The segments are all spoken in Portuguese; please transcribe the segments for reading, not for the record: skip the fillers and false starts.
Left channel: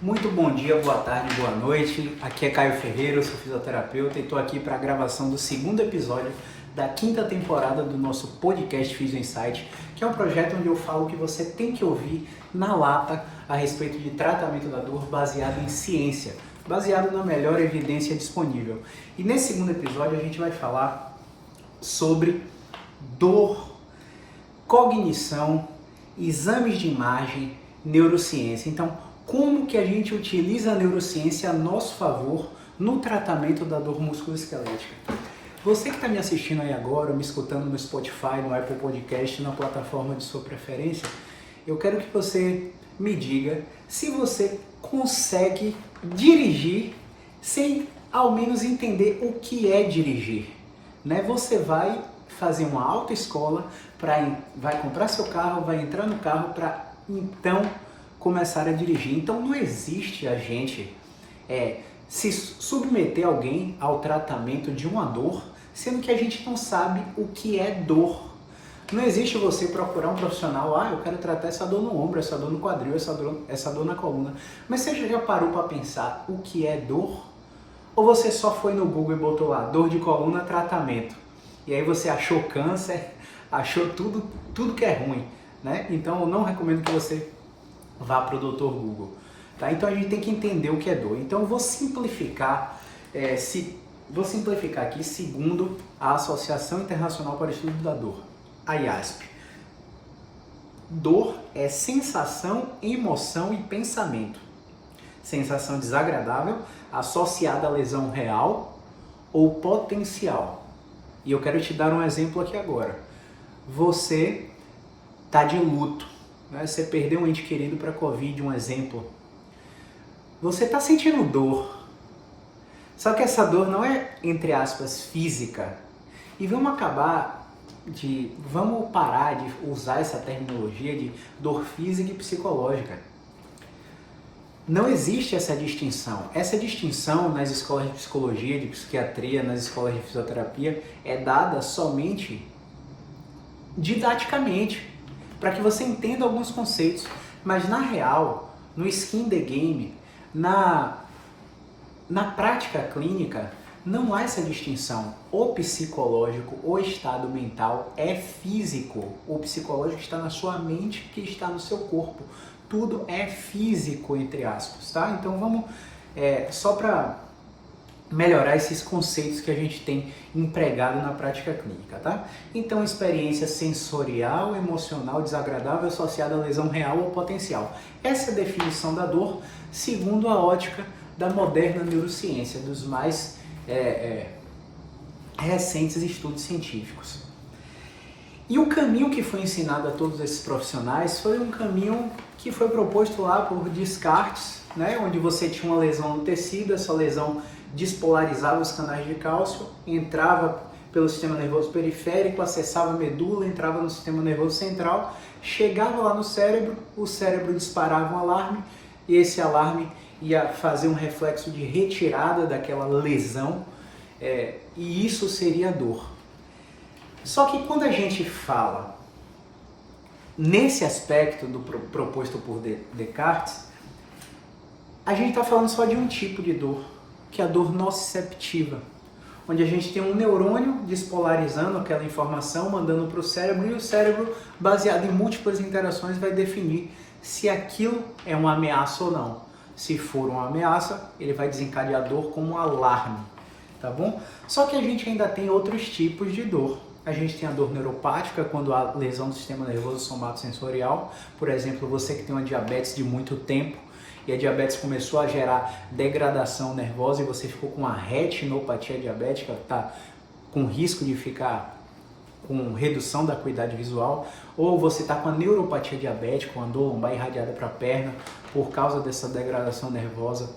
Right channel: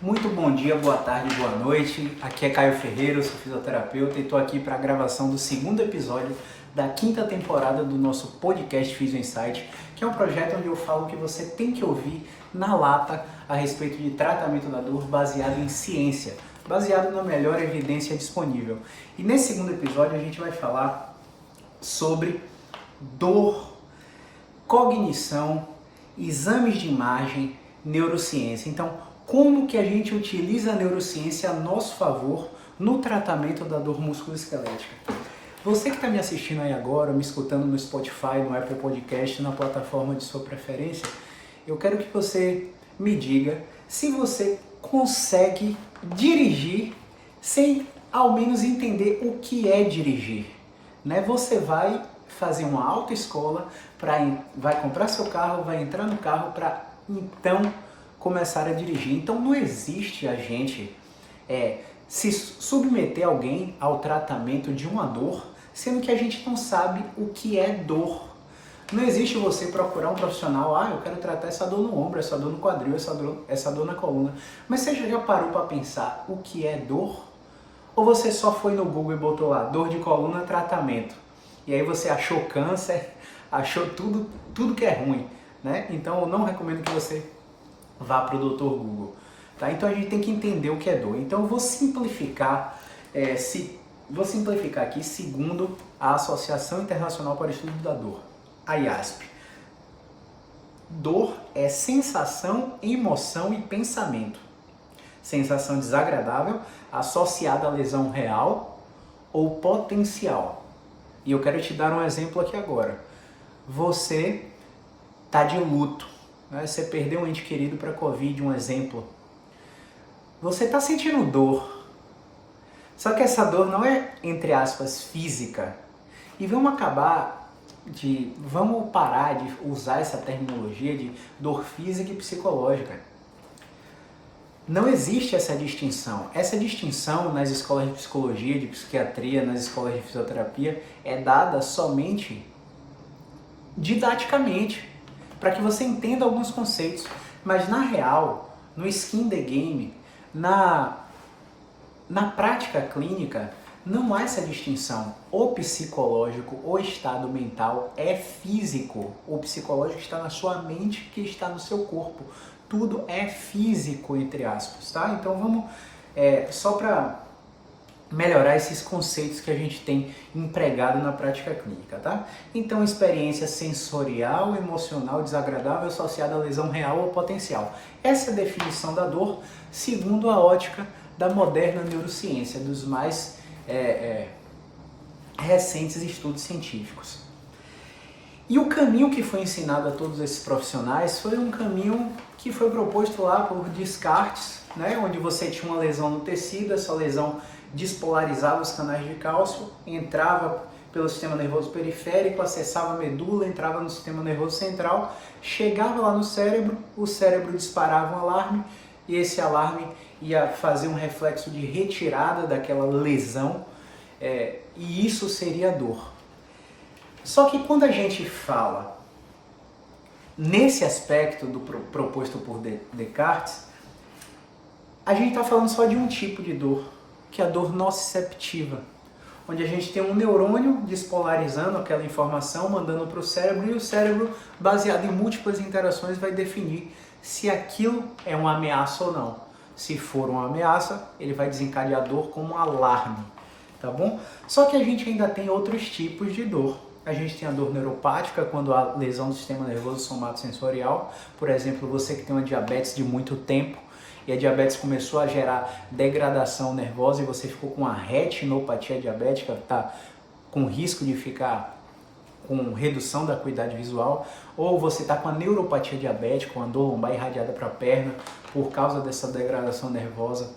Muito bom dia, boa tarde, boa noite. Aqui é Caio Ferreira, eu sou fisioterapeuta e estou aqui para a gravação do segundo episódio da quinta temporada do nosso podcast Physio Insight, que é um projeto onde eu falo que você tem que ouvir na lata a respeito de tratamento da dor baseado em ciência, baseado na melhor evidência disponível. E nesse segundo episódio a gente vai falar sobre dor, cognição, exames de imagem, neurociência. Então, como que a gente utiliza a neurociência a nosso favor no tratamento da dor musculoesquelética? Você que está me assistindo aí agora, me escutando no Spotify, no Apple Podcast, na plataforma de sua preferência, eu quero que você me diga se você consegue dirigir sem ao menos entender o que é dirigir, né? Você vai fazer uma autoescola, vai comprar seu carro, vai entrar no carro para então começar a dirigir. Então não existe a gente se submeter alguém ao tratamento de uma dor, sendo que a gente não sabe o que é dor. Não existe você procurar um profissional, eu quero tratar essa dor no ombro, essa dor no quadril, essa dor na coluna. Mas você já parou para pensar o que é dor? Ou você só foi no Google e botou lá, dor de coluna, tratamento? E aí você achou câncer, achou tudo que é ruim, né? Então eu não recomendo que você vá para o Dr. Google, tá? Então a gente tem que entender o que é dor. Então eu vou simplificar, aqui segundo a Associação Internacional para o Estudo da Dor, a IASP. Dor é sensação, emoção e pensamento. Sensação desagradável associada à lesão real ou potencial. E eu quero te dar um exemplo aqui agora. Você está de luto, né? Você perdeu um ente querido para Covid, um exemplo. Você está sentindo dor. Só que essa dor não é, entre aspas, física. E vamos parar de usar essa terminologia de dor física e psicológica. Não existe essa distinção. Essa distinção nas escolas de psicologia, de psiquiatria, nas escolas de fisioterapia, é dada somente didaticamente, para que você entenda alguns conceitos. Mas na real, no skin the game, na prática clínica, não há essa distinção. O psicológico, o estado mental é físico. O psicológico está na sua mente, que está no seu corpo. Tudo é físico, entre aspas, tá? Então vamos, só para melhorar esses conceitos que a gente tem empregado na prática clínica, tá? Então, experiência sensorial, emocional, desagradável associada à lesão real ou potencial. Essa é a definição da dor, segundo a ótica da moderna neurociência, dos mais recentes estudos científicos. E o caminho que foi ensinado a todos esses profissionais foi um caminho que foi proposto lá por Descartes, né? Onde você tinha uma lesão no tecido, essa lesão despolarizava os canais de cálcio, entrava pelo sistema nervoso periférico, acessava a medula, entrava no sistema nervoso central, chegava lá no cérebro, o cérebro disparava um alarme e esse alarme ia fazer um reflexo de retirada daquela lesão, e isso seria a dor. Só que quando a gente fala nesse aspecto do proposto por Descartes, a gente está falando só de um tipo de dor, que é a dor nociceptiva, onde a gente tem um neurônio despolarizando aquela informação, mandando para o cérebro, e o cérebro, baseado em múltiplas interações, vai definir se aquilo é uma ameaça ou não. Se for uma ameaça, ele vai desencadear a dor como um alarme, tá bom? Só que a gente ainda tem outros tipos de dor. A gente tem a dor neuropática, quando há lesão do sistema nervoso somatosensorial. Por exemplo, você que tem uma diabetes de muito tempo, e a diabetes começou a gerar degradação nervosa e você ficou com uma retinopatia diabética, está com risco de ficar com redução da acuidade visual, ou você está com a neuropatia diabética, uma dor lombar irradiada para a perna, por causa dessa degradação nervosa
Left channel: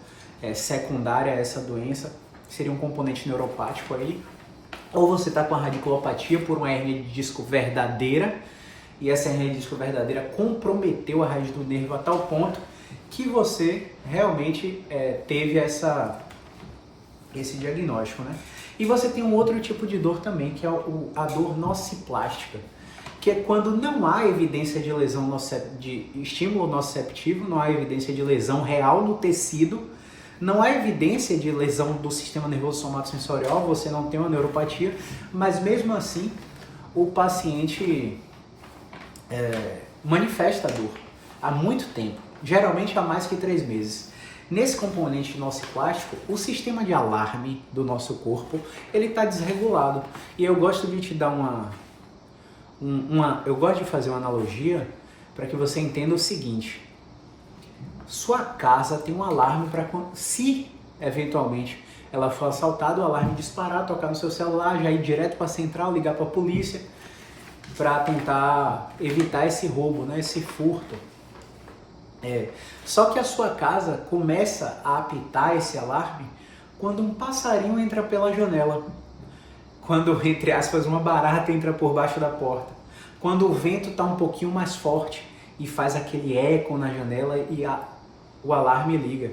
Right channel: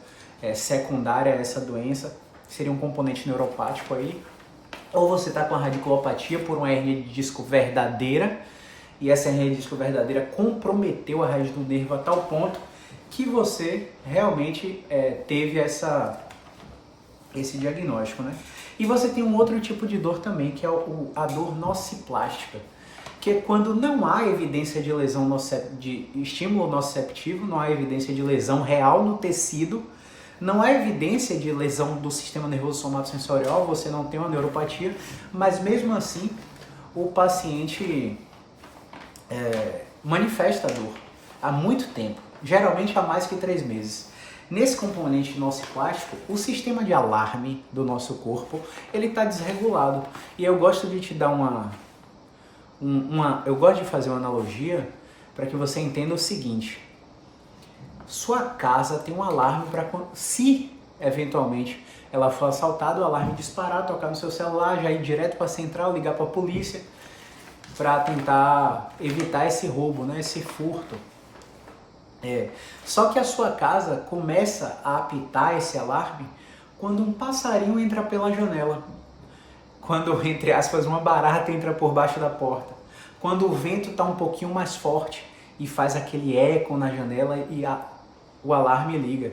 secundária a essa doença, seria um componente neuropático aí, ou você está com a radiculopatia por uma hernia de disco verdadeira, e essa hernia de disco verdadeira comprometeu a raiz do nervo a tal ponto que você realmente teve esse diagnóstico, né? E você tem um outro tipo de dor também, que é a dor nociplástica, que é quando não há evidência de lesão de estímulo nociceptivo, não há evidência de lesão real no tecido, não há evidência de lesão do sistema nervoso somatosensorial, você não tem uma neuropatia, mas mesmo assim o paciente manifesta dor há muito tempo, geralmente há mais que 3 meses. Nesse componente nociplástico, o sistema de alarme do nosso corpo, ele está desregulado. E eu gosto de te dar eu gosto de fazer uma analogia para que você entenda o seguinte. Sua casa tem um alarme para se eventualmente ela for assaltada, o alarme disparar, tocar no seu celular, já ir direto para a central, ligar para a polícia para tentar evitar esse roubo, né, esse furto. Só que a sua casa começa a apitar esse alarme quando um passarinho entra pela janela, quando, entre aspas, uma barata entra por baixo da porta, quando o vento está um pouquinho mais forte e faz aquele eco na janela e o alarme liga.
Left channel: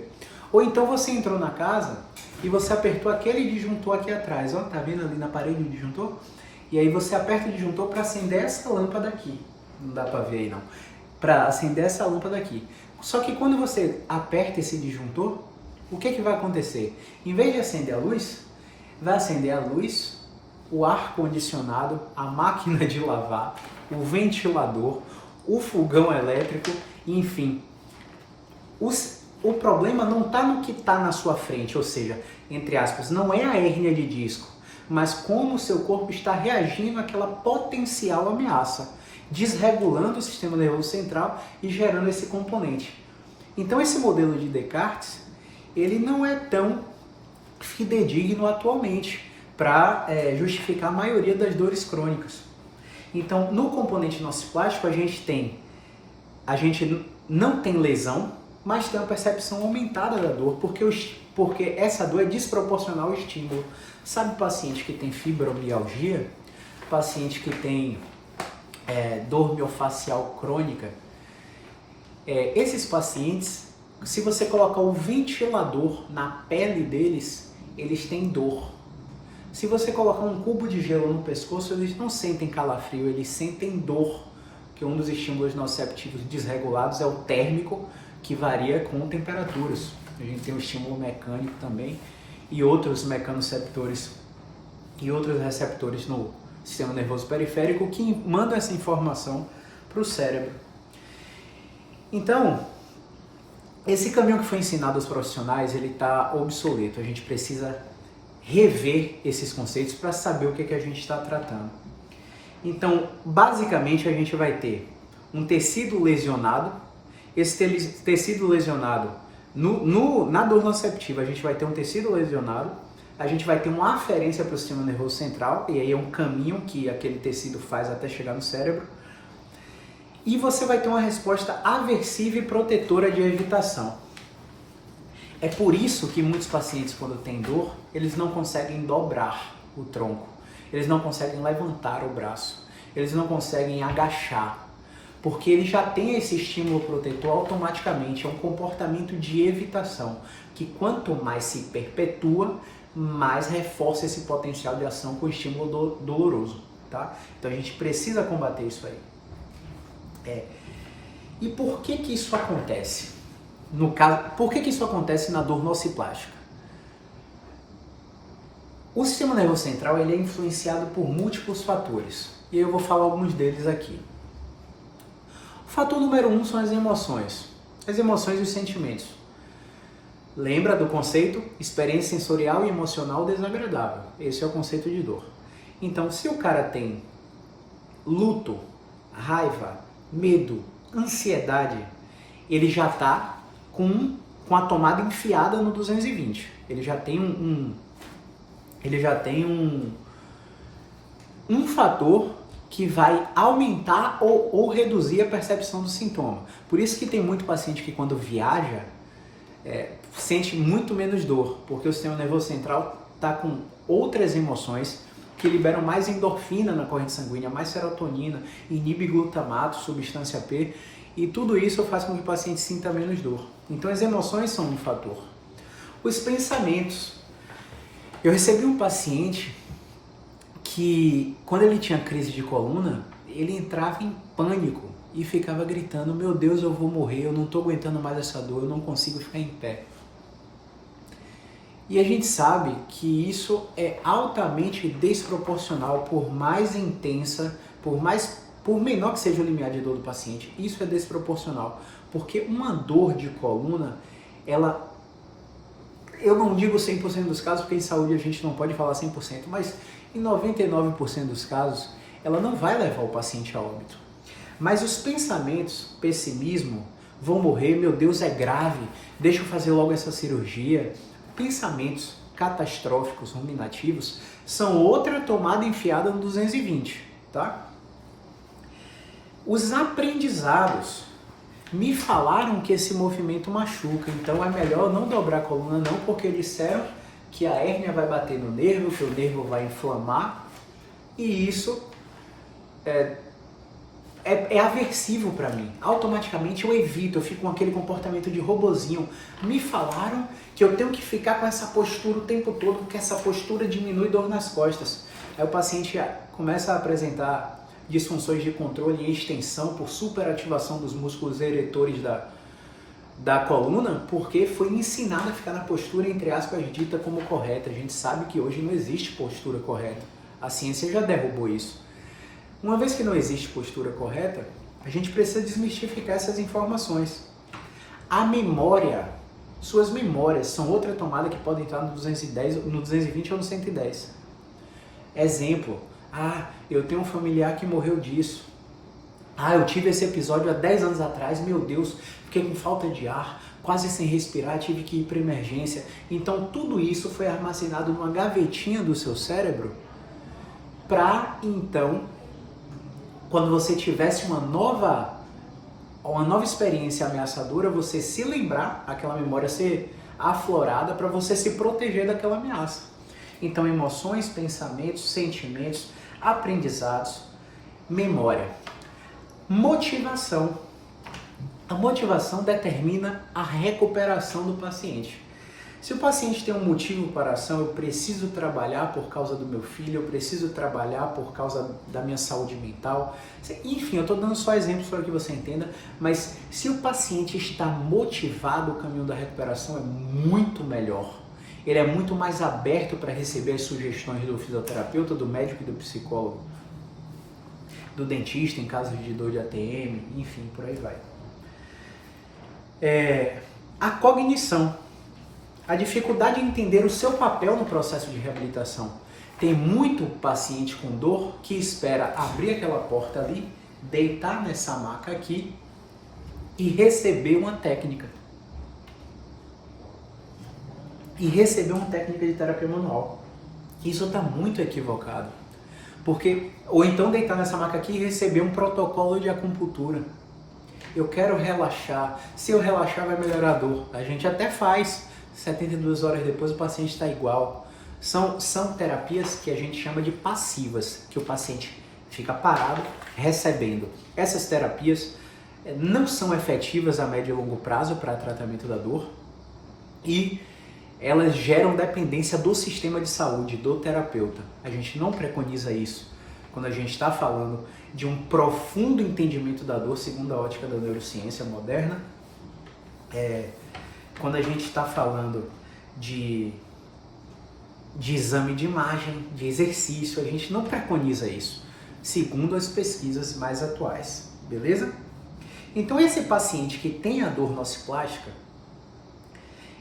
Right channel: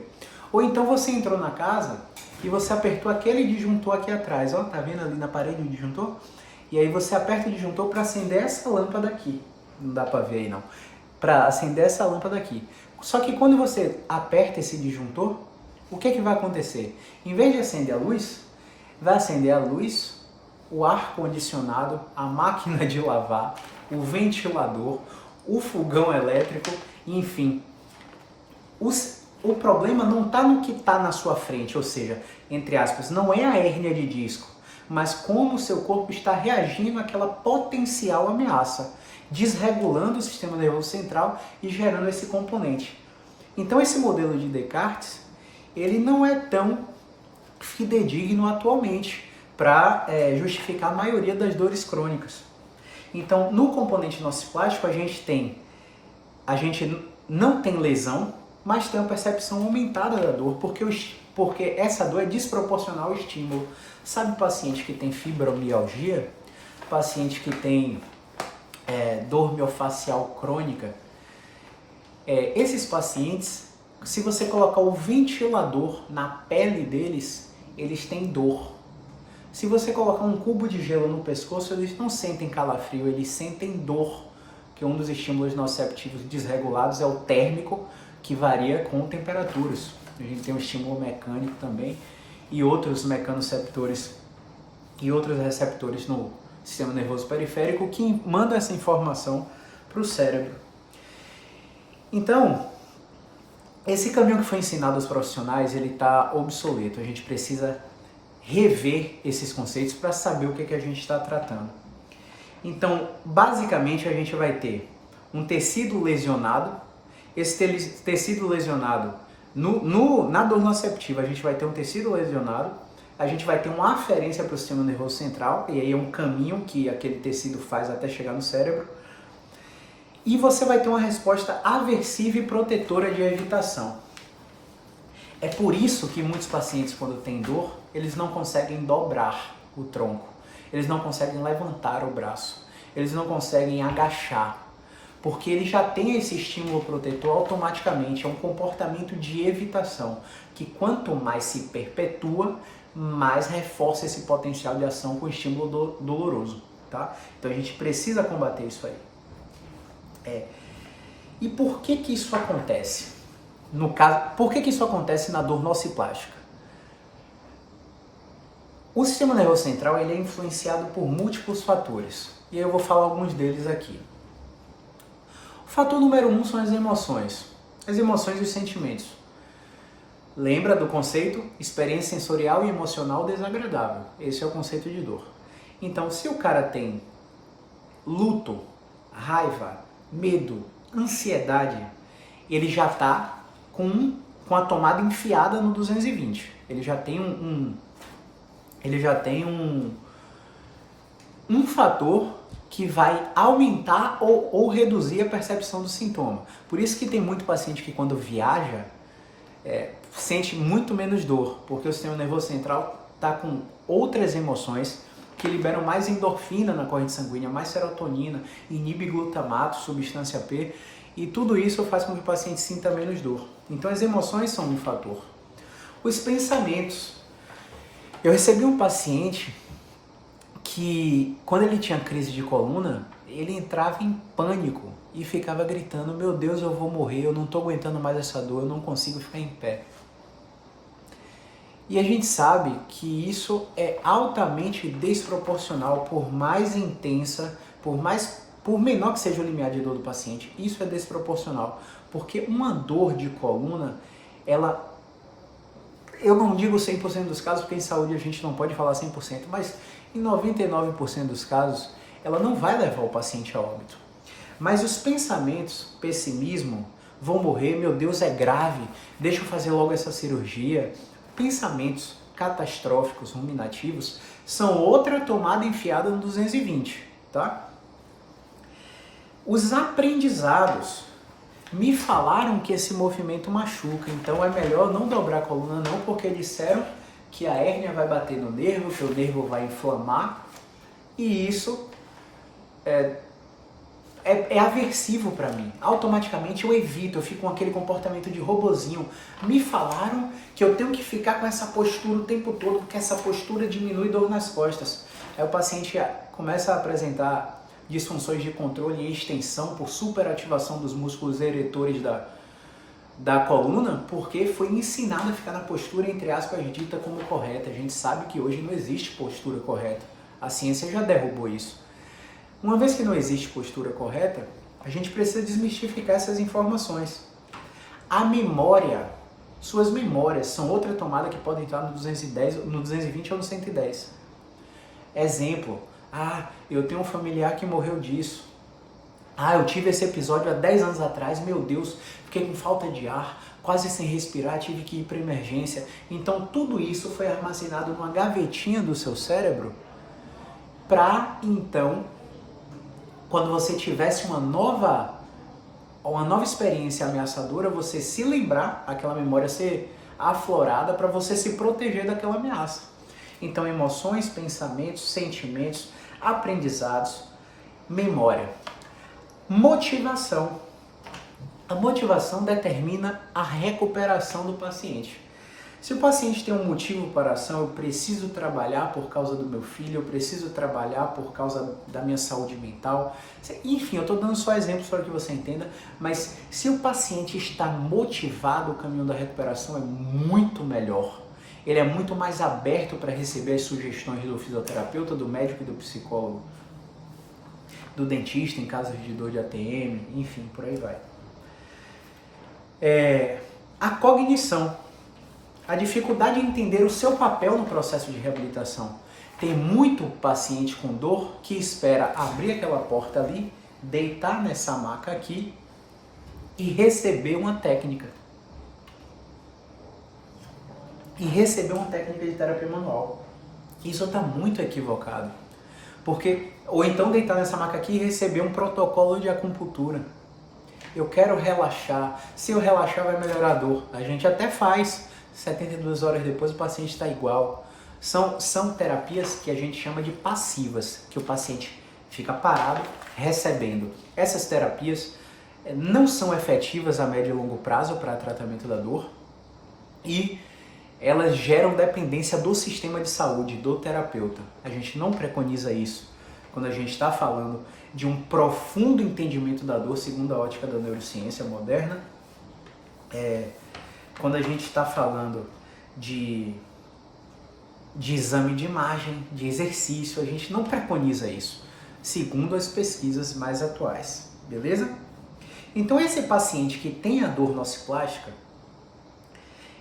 Ou então você entrou na casa e você apertou aquele disjuntor aqui atrás, ó, tá vendo ali na parede o disjuntor? E aí você aperta o disjuntor para acender essa lâmpada aqui, não dá para ver aí não, para acender essa lâmpada aqui. Só que quando você aperta esse disjuntor, o que vai acontecer? Em vez de acender a luz, vai acender a luz, o ar-condicionado, a máquina de lavar, o ventilador, o fogão elétrico, enfim. O problema não está no que está na sua frente, ou seja, entre aspas, não é a hérnia de disco, mas como o seu corpo está reagindo àquela potencial ameaça, desregulando o sistema nervoso central e gerando esse componente. Então esse modelo de Descartes, ele não é tão fidedigno atualmente para justificar a maioria das dores crônicas. Então no componente nociplástico a gente não tem lesão, mas tem uma percepção aumentada da dor, porque essa dor é desproporcional ao estímulo. Sabe paciente que tem fibromialgia? Paciente que tem dor miofascial crônica? Esses pacientes, se você colocar o ventilador na pele deles, eles têm dor. Se você colocar um cubo de gelo no pescoço, eles não sentem calafrio, eles sentem dor, que um dos estímulos nociceptivos desregulados é o térmico, que varia com temperaturas. A gente tem um estímulo mecânico também e outros mecanoceptores e outros receptores no sistema nervoso periférico que mandam essa informação para o cérebro. Então, esse caminho que foi ensinado aos profissionais, ele está obsoleto. A gente precisa rever esses conceitos para saber o que a gente está tratando. Então, basicamente, a gente vai ter um tecido lesionado. Esse tecido lesionado, na dor nociceptiva, a gente vai ter um tecido lesionado, a gente vai ter uma aferência para o sistema nervoso central, e aí é um caminho que aquele tecido faz até chegar no cérebro, e você vai ter uma resposta aversiva e protetora de agitação. É por isso que muitos pacientes, quando têm dor, eles não conseguem dobrar o tronco, eles não conseguem levantar o braço, eles não conseguem agachar, porque ele já tem esse estímulo protetor automaticamente, é um comportamento de evitação, que quanto mais se perpetua, mais reforça esse potencial de ação com estímulo doloroso, tá? Então a gente precisa combater isso aí. E por que isso acontece? No caso, por que isso acontece na dor nociplástica? O sistema nervoso central ele é influenciado por múltiplos fatores, e eu vou falar alguns deles aqui. O fator número 1 são as emoções e os sentimentos. Lembra do conceito? Experiência sensorial e emocional desagradável. Esse é o conceito de dor. Então, se o cara tem luto, raiva, medo, ansiedade, ele já está com a tomada enfiada no 220. Ele já tem um fator que vai aumentar ou reduzir a percepção do sintoma. Por isso que tem muito paciente que quando viaja, sente muito menos dor, porque o sistema nervoso central está com outras emoções que liberam mais endorfina na corrente sanguínea, mais serotonina, inibe glutamato, substância P, e tudo isso faz com que o paciente sinta menos dor. Então as emoções são um fator. Os pensamentos. Eu recebi um paciente que, quando ele tinha crise de coluna, ele entrava em pânico e ficava gritando: meu Deus, eu vou morrer, eu não estou aguentando mais essa dor, eu não consigo ficar em pé. E a gente sabe que isso é altamente desproporcional, por mais intensa, por menor que seja o limiar de dor do paciente, isso é desproporcional. Porque uma dor de coluna, eu não digo 100% dos casos, porque em saúde a gente não pode falar 100%, mas em 99% dos casos, ela não vai levar o paciente a óbito. Mas os pensamentos, pessimismo, vou morrer, meu Deus, é grave, deixa eu fazer logo essa cirurgia. Pensamentos catastróficos, ruminativos, são outra tomada enfiada no 220, tá? Os aprendizados me falaram que esse movimento machuca, então é melhor não dobrar a coluna não, porque disseram que a hérnia vai bater no nervo, que o nervo vai inflamar, e isso é aversivo para mim. Automaticamente eu evito, eu fico com aquele comportamento de robozinho. Me falaram que eu tenho que ficar com essa postura o tempo todo, porque essa postura diminui dor nas costas. Aí o paciente começa a apresentar disfunções de controle e extensão por superativação dos músculos eretores da coluna, porque foi ensinado a ficar na postura, entre aspas, dita como correta. A gente sabe que hoje não existe postura correta. A ciência já derrubou isso. Uma vez que não existe postura correta, a gente precisa desmistificar essas informações. A memória, suas memórias são outra tomada que pode entrar no 210, no 220 ou no 110. Exemplo, eu tenho um familiar que morreu disso. Eu tive esse episódio há 10 anos atrás, meu Deus, fiquei com falta de ar, quase sem respirar, tive que ir para emergência. Então tudo isso foi armazenado numa gavetinha do seu cérebro para então, quando você tivesse uma nova experiência ameaçadora, você se lembrar, aquela memória ser aflorada para você se proteger daquela ameaça. Então, emoções, pensamentos, sentimentos, aprendizados, memória. Motivação. A motivação determina a recuperação do paciente. Se o paciente tem um motivo para a ação, eu preciso trabalhar por causa do meu filho, eu preciso trabalhar por causa da minha saúde mental. Enfim, eu estou dando só exemplos para que você entenda, mas se o paciente está motivado, o caminho da recuperação é muito melhor. Ele é muito mais aberto para receber as sugestões do fisioterapeuta, do médico e do psicólogo, do dentista em caso de dor de ATM, enfim, por aí vai. A cognição. A dificuldade em entender o seu papel no processo de reabilitação. Tem muito paciente com dor que espera abrir aquela porta ali, deitar nessa maca aqui e receber uma técnica. De terapia manual. Isso está muito equivocado. Ou então deitar nessa maca aqui e receber um protocolo de acupuntura. Eu quero relaxar. Se eu relaxar vai melhorar a dor. A gente até faz. 72 horas depois o paciente está igual. São terapias que a gente chama de passivas, que o paciente fica parado recebendo. Essas terapias não são efetivas a médio e longo prazo para tratamento da dor e elas geram dependência do sistema de saúde, do terapeuta. A gente não preconiza isso quando a gente está falando de um profundo entendimento da dor segundo a ótica da neurociência moderna. Quando a gente está falando de exame de imagem, de exercício, a gente não preconiza isso, segundo as pesquisas mais atuais, beleza? Então esse paciente que tem a dor nociplástica,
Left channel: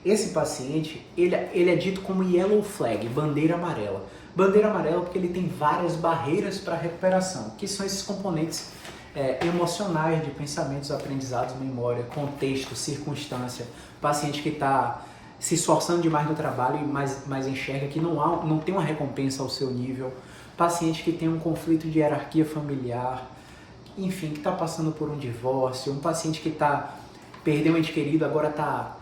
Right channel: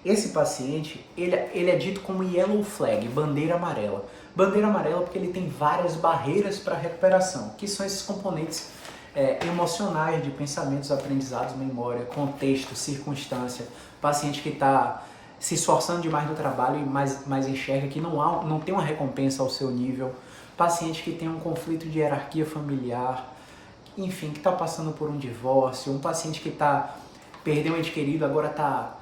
esse paciente, ele é dito como yellow flag, bandeira amarela. Bandeira amarela porque ele tem várias barreiras para recuperação, que são esses componentes emocionais de pensamentos, aprendizados, memória, contexto, circunstância. Paciente que está se esforçando demais no trabalho e mais enxerga que não tem uma recompensa ao seu nível. Paciente que tem um conflito de hierarquia familiar, enfim, que está passando por um divórcio. Um paciente que perdeu um ente querido, agora está,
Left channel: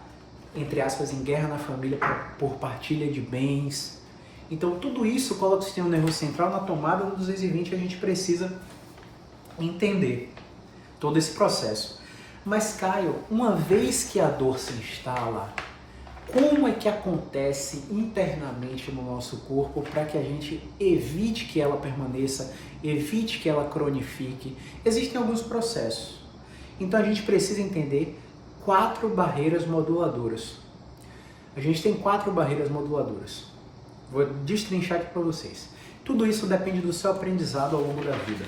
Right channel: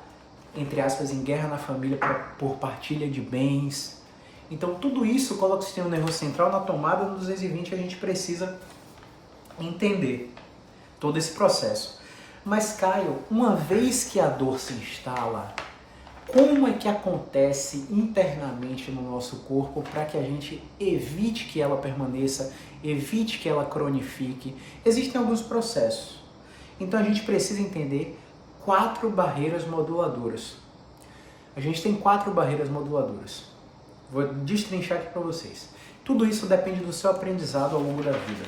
entre aspas, em guerra na família por partilha de bens. Então tudo isso coloca o sistema nervoso central na tomada do 220 e a gente precisa entender todo esse processo. Mas, Caio, uma vez que a dor se instala, como é que acontece internamente no nosso corpo para que a gente evite que ela permaneça, evite que ela cronifique. Existem alguns processos. Então a gente precisa entender 4 barreiras moduladoras. A gente tem 4 barreiras moduladoras. Vou destrinchar aqui para vocês. Tudo isso depende do seu aprendizado ao longo da vida.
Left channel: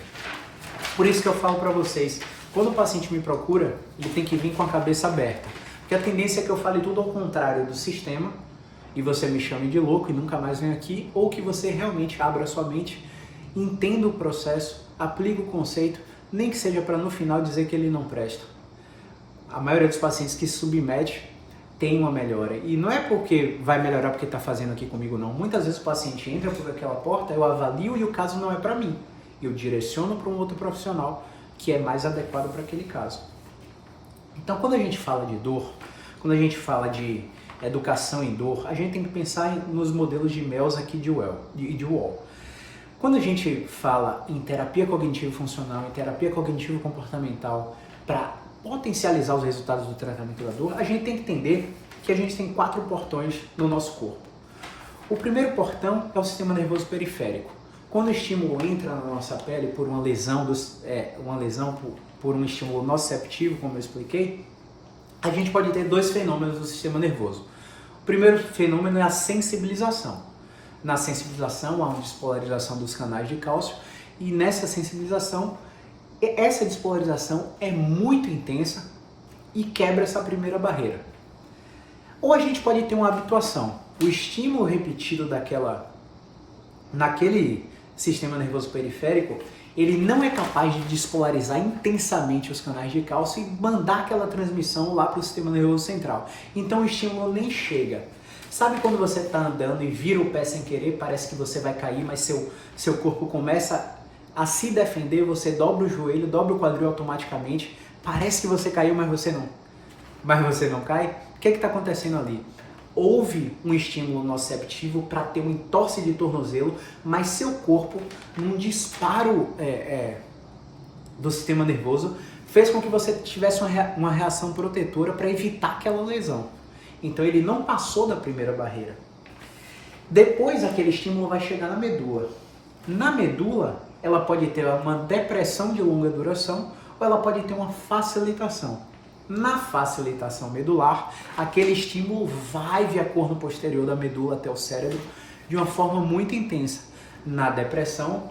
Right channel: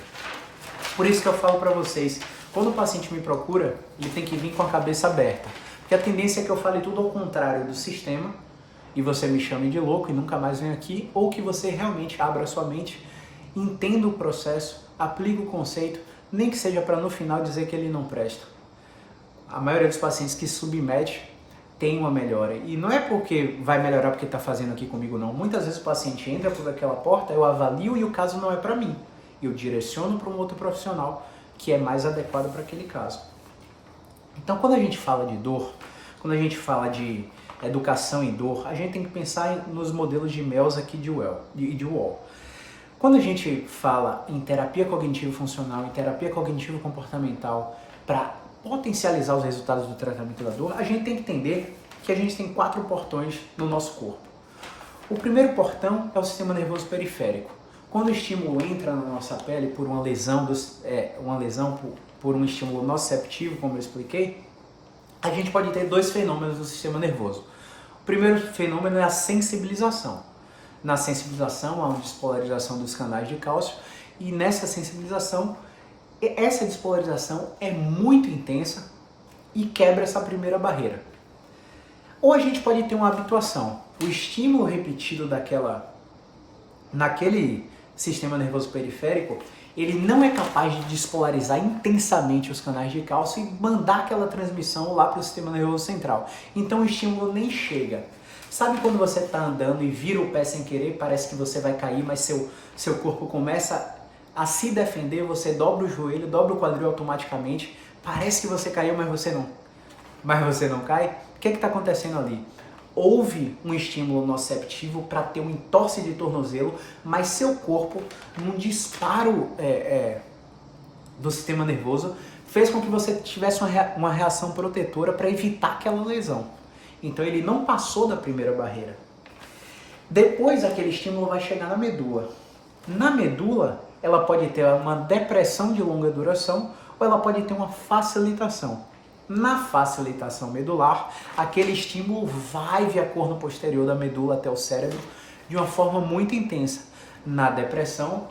Por isso que eu falo para vocês, quando o paciente me procura, ele tem que vir com a cabeça aberta. Porque a tendência é que eu fale tudo ao contrário do sistema e você me chame de louco e nunca mais venha aqui, ou que você realmente abra a sua mente, entenda o processo, aplique o conceito, nem que seja para no final dizer que ele não presta. A maioria dos pacientes que submete tem uma melhora. E não é porque vai melhorar porque está fazendo aqui comigo, não. Muitas vezes o paciente entra por aquela porta, eu avalio e o caso não é para mim. Eu direciono para um outro profissional que é mais adequado para aquele caso. Então, quando a gente fala de dor, quando a gente fala de educação em dor, a gente tem que pensar nos modelos de Melz aqui de Wall. Quando a gente fala em terapia cognitivo-funcional, em terapia cognitivo-comportamental, para potencializar os resultados do tratamento da dor, a gente tem que entender que a gente tem 4 portões no nosso corpo. O primeiro portão é o sistema nervoso periférico. Quando o estímulo entra na nossa pele por uma lesão, por um estímulo nociceptivo, como eu expliquei, a gente pode ter 2 fenômenos do sistema nervoso. O primeiro fenômeno é a sensibilização. Na sensibilização, há uma despolarização dos canais de cálcio e nessa sensibilização, essa despolarização é muito intensa e quebra essa primeira barreira. Ou a gente pode ter uma habituação. O estímulo repetido naquele sistema nervoso periférico, ele não é capaz de despolarizar intensamente os canais de cálcio e mandar aquela transmissão lá para o sistema nervoso central. Então o estímulo nem chega. Sabe quando você está andando e vira o pé sem querer, parece que você vai cair, mas seu corpo começa a se defender, você dobra o joelho, dobra o quadril automaticamente, parece que você caiu, mas você não cai? O que está acontecendo ali? Houve um estímulo nociceptivo para ter um entorse de tornozelo, mas seu corpo, num disparo do sistema nervoso, fez com que você tivesse uma reação protetora para evitar aquela lesão. Então ele não passou da primeira barreira. Depois aquele estímulo vai chegar na medula. Na medula, ela pode ter uma depressão de longa duração ou ela pode ter uma facilitação. Na facilitação medular, aquele estímulo vai via corno posterior da medula até o cérebro de uma forma muito intensa. Na depressão,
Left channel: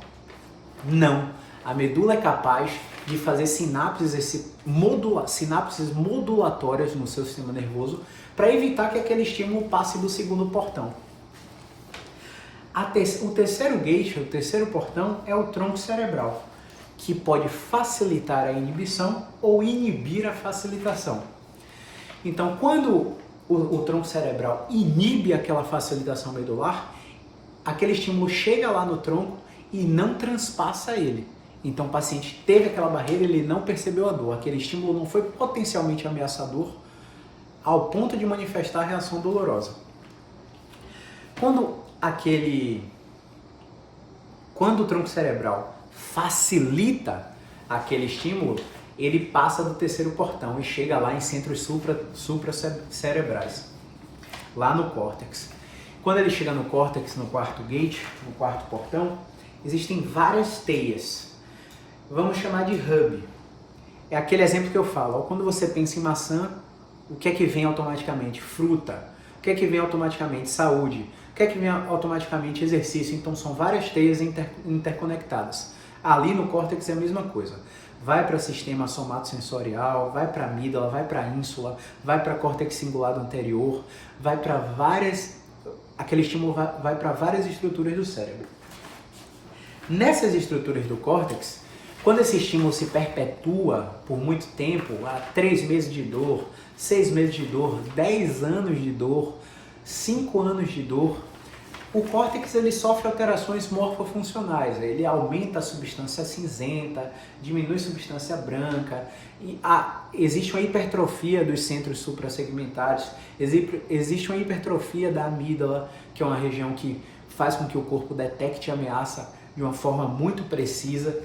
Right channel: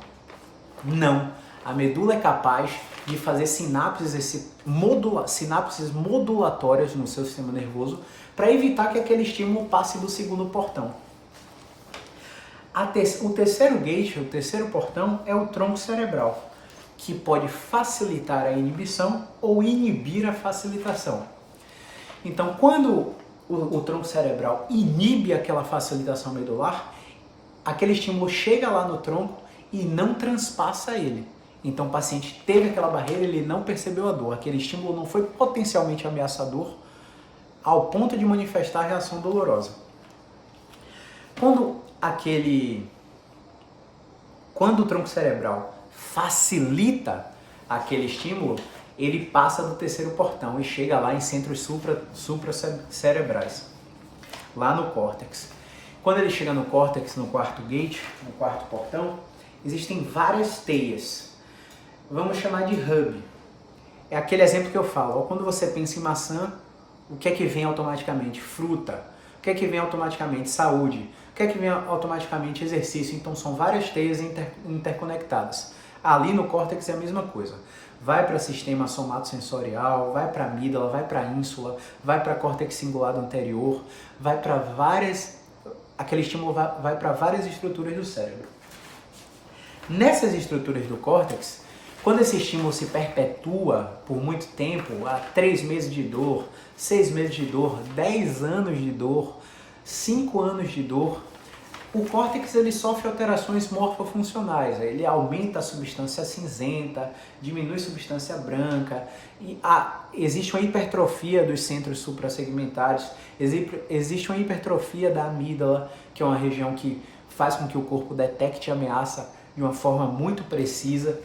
não. A medula é capaz de fazer sinapses modulatórias no seu sistema nervoso para evitar que aquele estímulo passe do segundo portão. O terceiro gate, o terceiro portão, é o tronco cerebral, que pode facilitar a inibição ou inibir a facilitação. Então, quando o tronco cerebral inibe aquela facilitação medular, aquele estímulo chega lá no tronco e não transpassa ele. Então, o paciente teve aquela barreira, ele não percebeu a dor. Aquele estímulo não foi potencialmente ameaçador ao ponto de manifestar a reação dolorosa. Quando o tronco cerebral facilita aquele estímulo, ele passa do terceiro portão e chega lá em centros supracerebrais, lá no córtex. Quando ele chega no córtex, no quarto gate, no quarto portão, existem várias teias. Vamos chamar de hub. É aquele exemplo que eu falo. Quando você pensa em maçã, o que é que vem automaticamente? Fruta. O que é que vem automaticamente? Saúde. O que é que vem automaticamente? Exercício. Então são várias teias interconectadas. Ali no córtex é a mesma coisa. Vai para o sistema somatosensorial, vai para a amígdala, vai para a ínsula, vai para córtex cingulado anterior, vai para aquele estímulo vai para várias estruturas do cérebro. Nessas estruturas do córtex, quando esse estímulo se perpetua por muito tempo, há 3 meses de dor, 6 meses de dor, 10 anos de dor, 5 anos de dor, o córtex ele sofre alterações morfofuncionais. Ele aumenta a substância cinzenta, diminui a substância branca, e existe uma hipertrofia dos centros suprassegmentares, existe uma hipertrofia da amígdala, que é uma região que faz com que o corpo detecte a ameaça de uma forma muito precisa.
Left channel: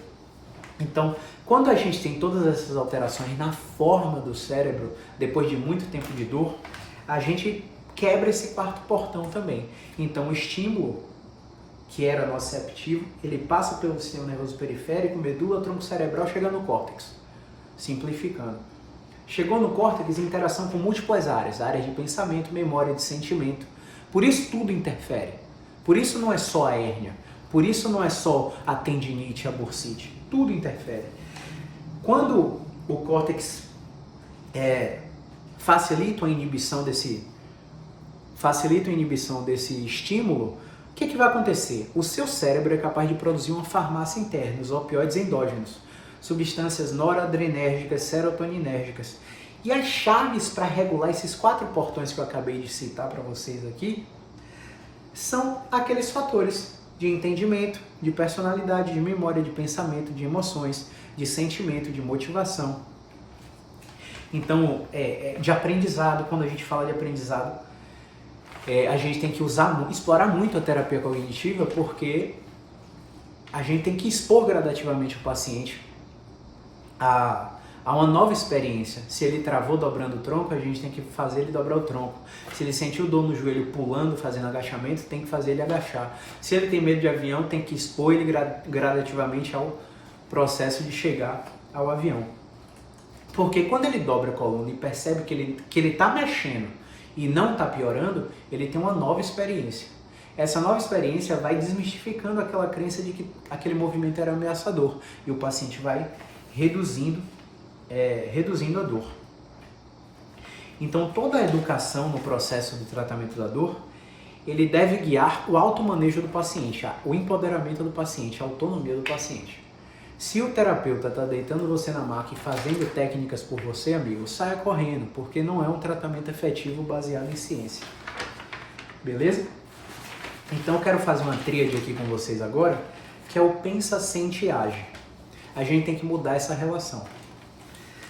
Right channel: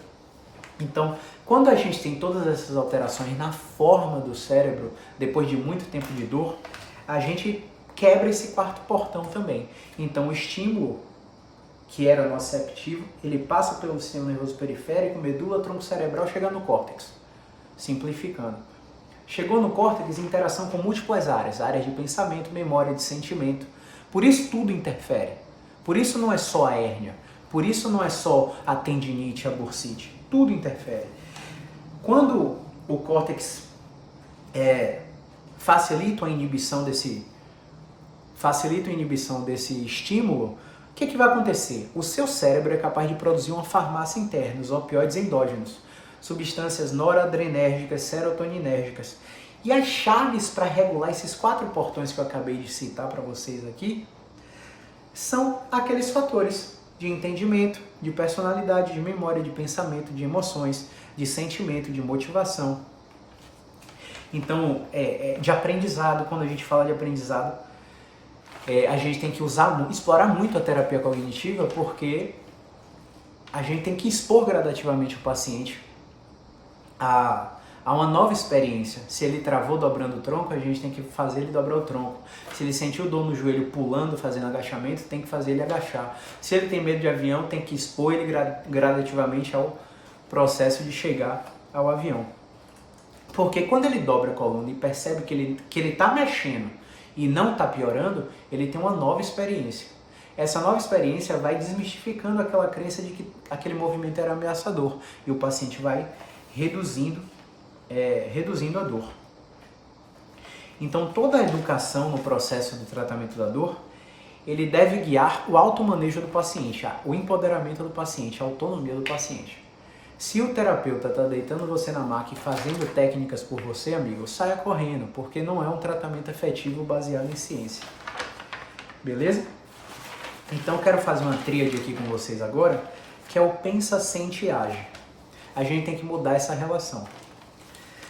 Então, quando a gente tem todas essas alterações na forma do cérebro, depois de muito tempo de dor, a gente quebra esse quarto portão também. Então o estímulo, que era nociceptivo, ele passa pelo sistema nervoso periférico, medula, tronco cerebral, chegando no córtex. Simplificando. Chegou no córtex, interação com múltiplas áreas, áreas de pensamento, memória, de sentimento. Por isso tudo interfere. Por isso não é só a hérnia. Por isso não é só a tendinite, a bursite. Tudo interfere. Quando o córtex facilita a inibição desse estímulo, o que vai acontecer? O seu cérebro é capaz de produzir uma farmácia interna, os opioides endógenos, substâncias noradrenérgicas, serotoninérgicas. E as chaves para regular esses 4 portões que eu acabei de citar para vocês aqui são aqueles fatores de entendimento, de personalidade, de memória, de pensamento, de emoções, de sentimento, de motivação. Então, de aprendizado, quando a gente fala de aprendizado, a gente tem que explorar muito a terapia cognitiva, porque a gente tem que expor gradativamente o paciente a uma nova experiência. Se ele travou dobrando o tronco, a gente tem que fazer ele dobrar o tronco. Se ele sentiu dor no joelho pulando, fazendo agachamento, tem que fazer ele agachar. Se ele tem medo de avião, tem que expor ele gradativamente ao processo de chegar ao avião. Porque quando ele dobra a coluna e percebe que ele está mexendo e não está piorando, ele tem uma nova experiência. Essa nova experiência vai desmistificando aquela crença de que aquele movimento era ameaçador e o paciente vai reduzindo a dor. Então, toda a educação no processo de tratamento da dor, ele deve guiar o automanejo do paciente, o empoderamento do paciente, a autonomia do paciente. Se o terapeuta está deitando você na maca e fazendo técnicas por você, amigo, saia correndo, porque não é um tratamento efetivo baseado em ciência. Beleza? Então, eu quero fazer uma tríade aqui com vocês agora, que é o pensa, sente e age. A gente tem que mudar essa relação.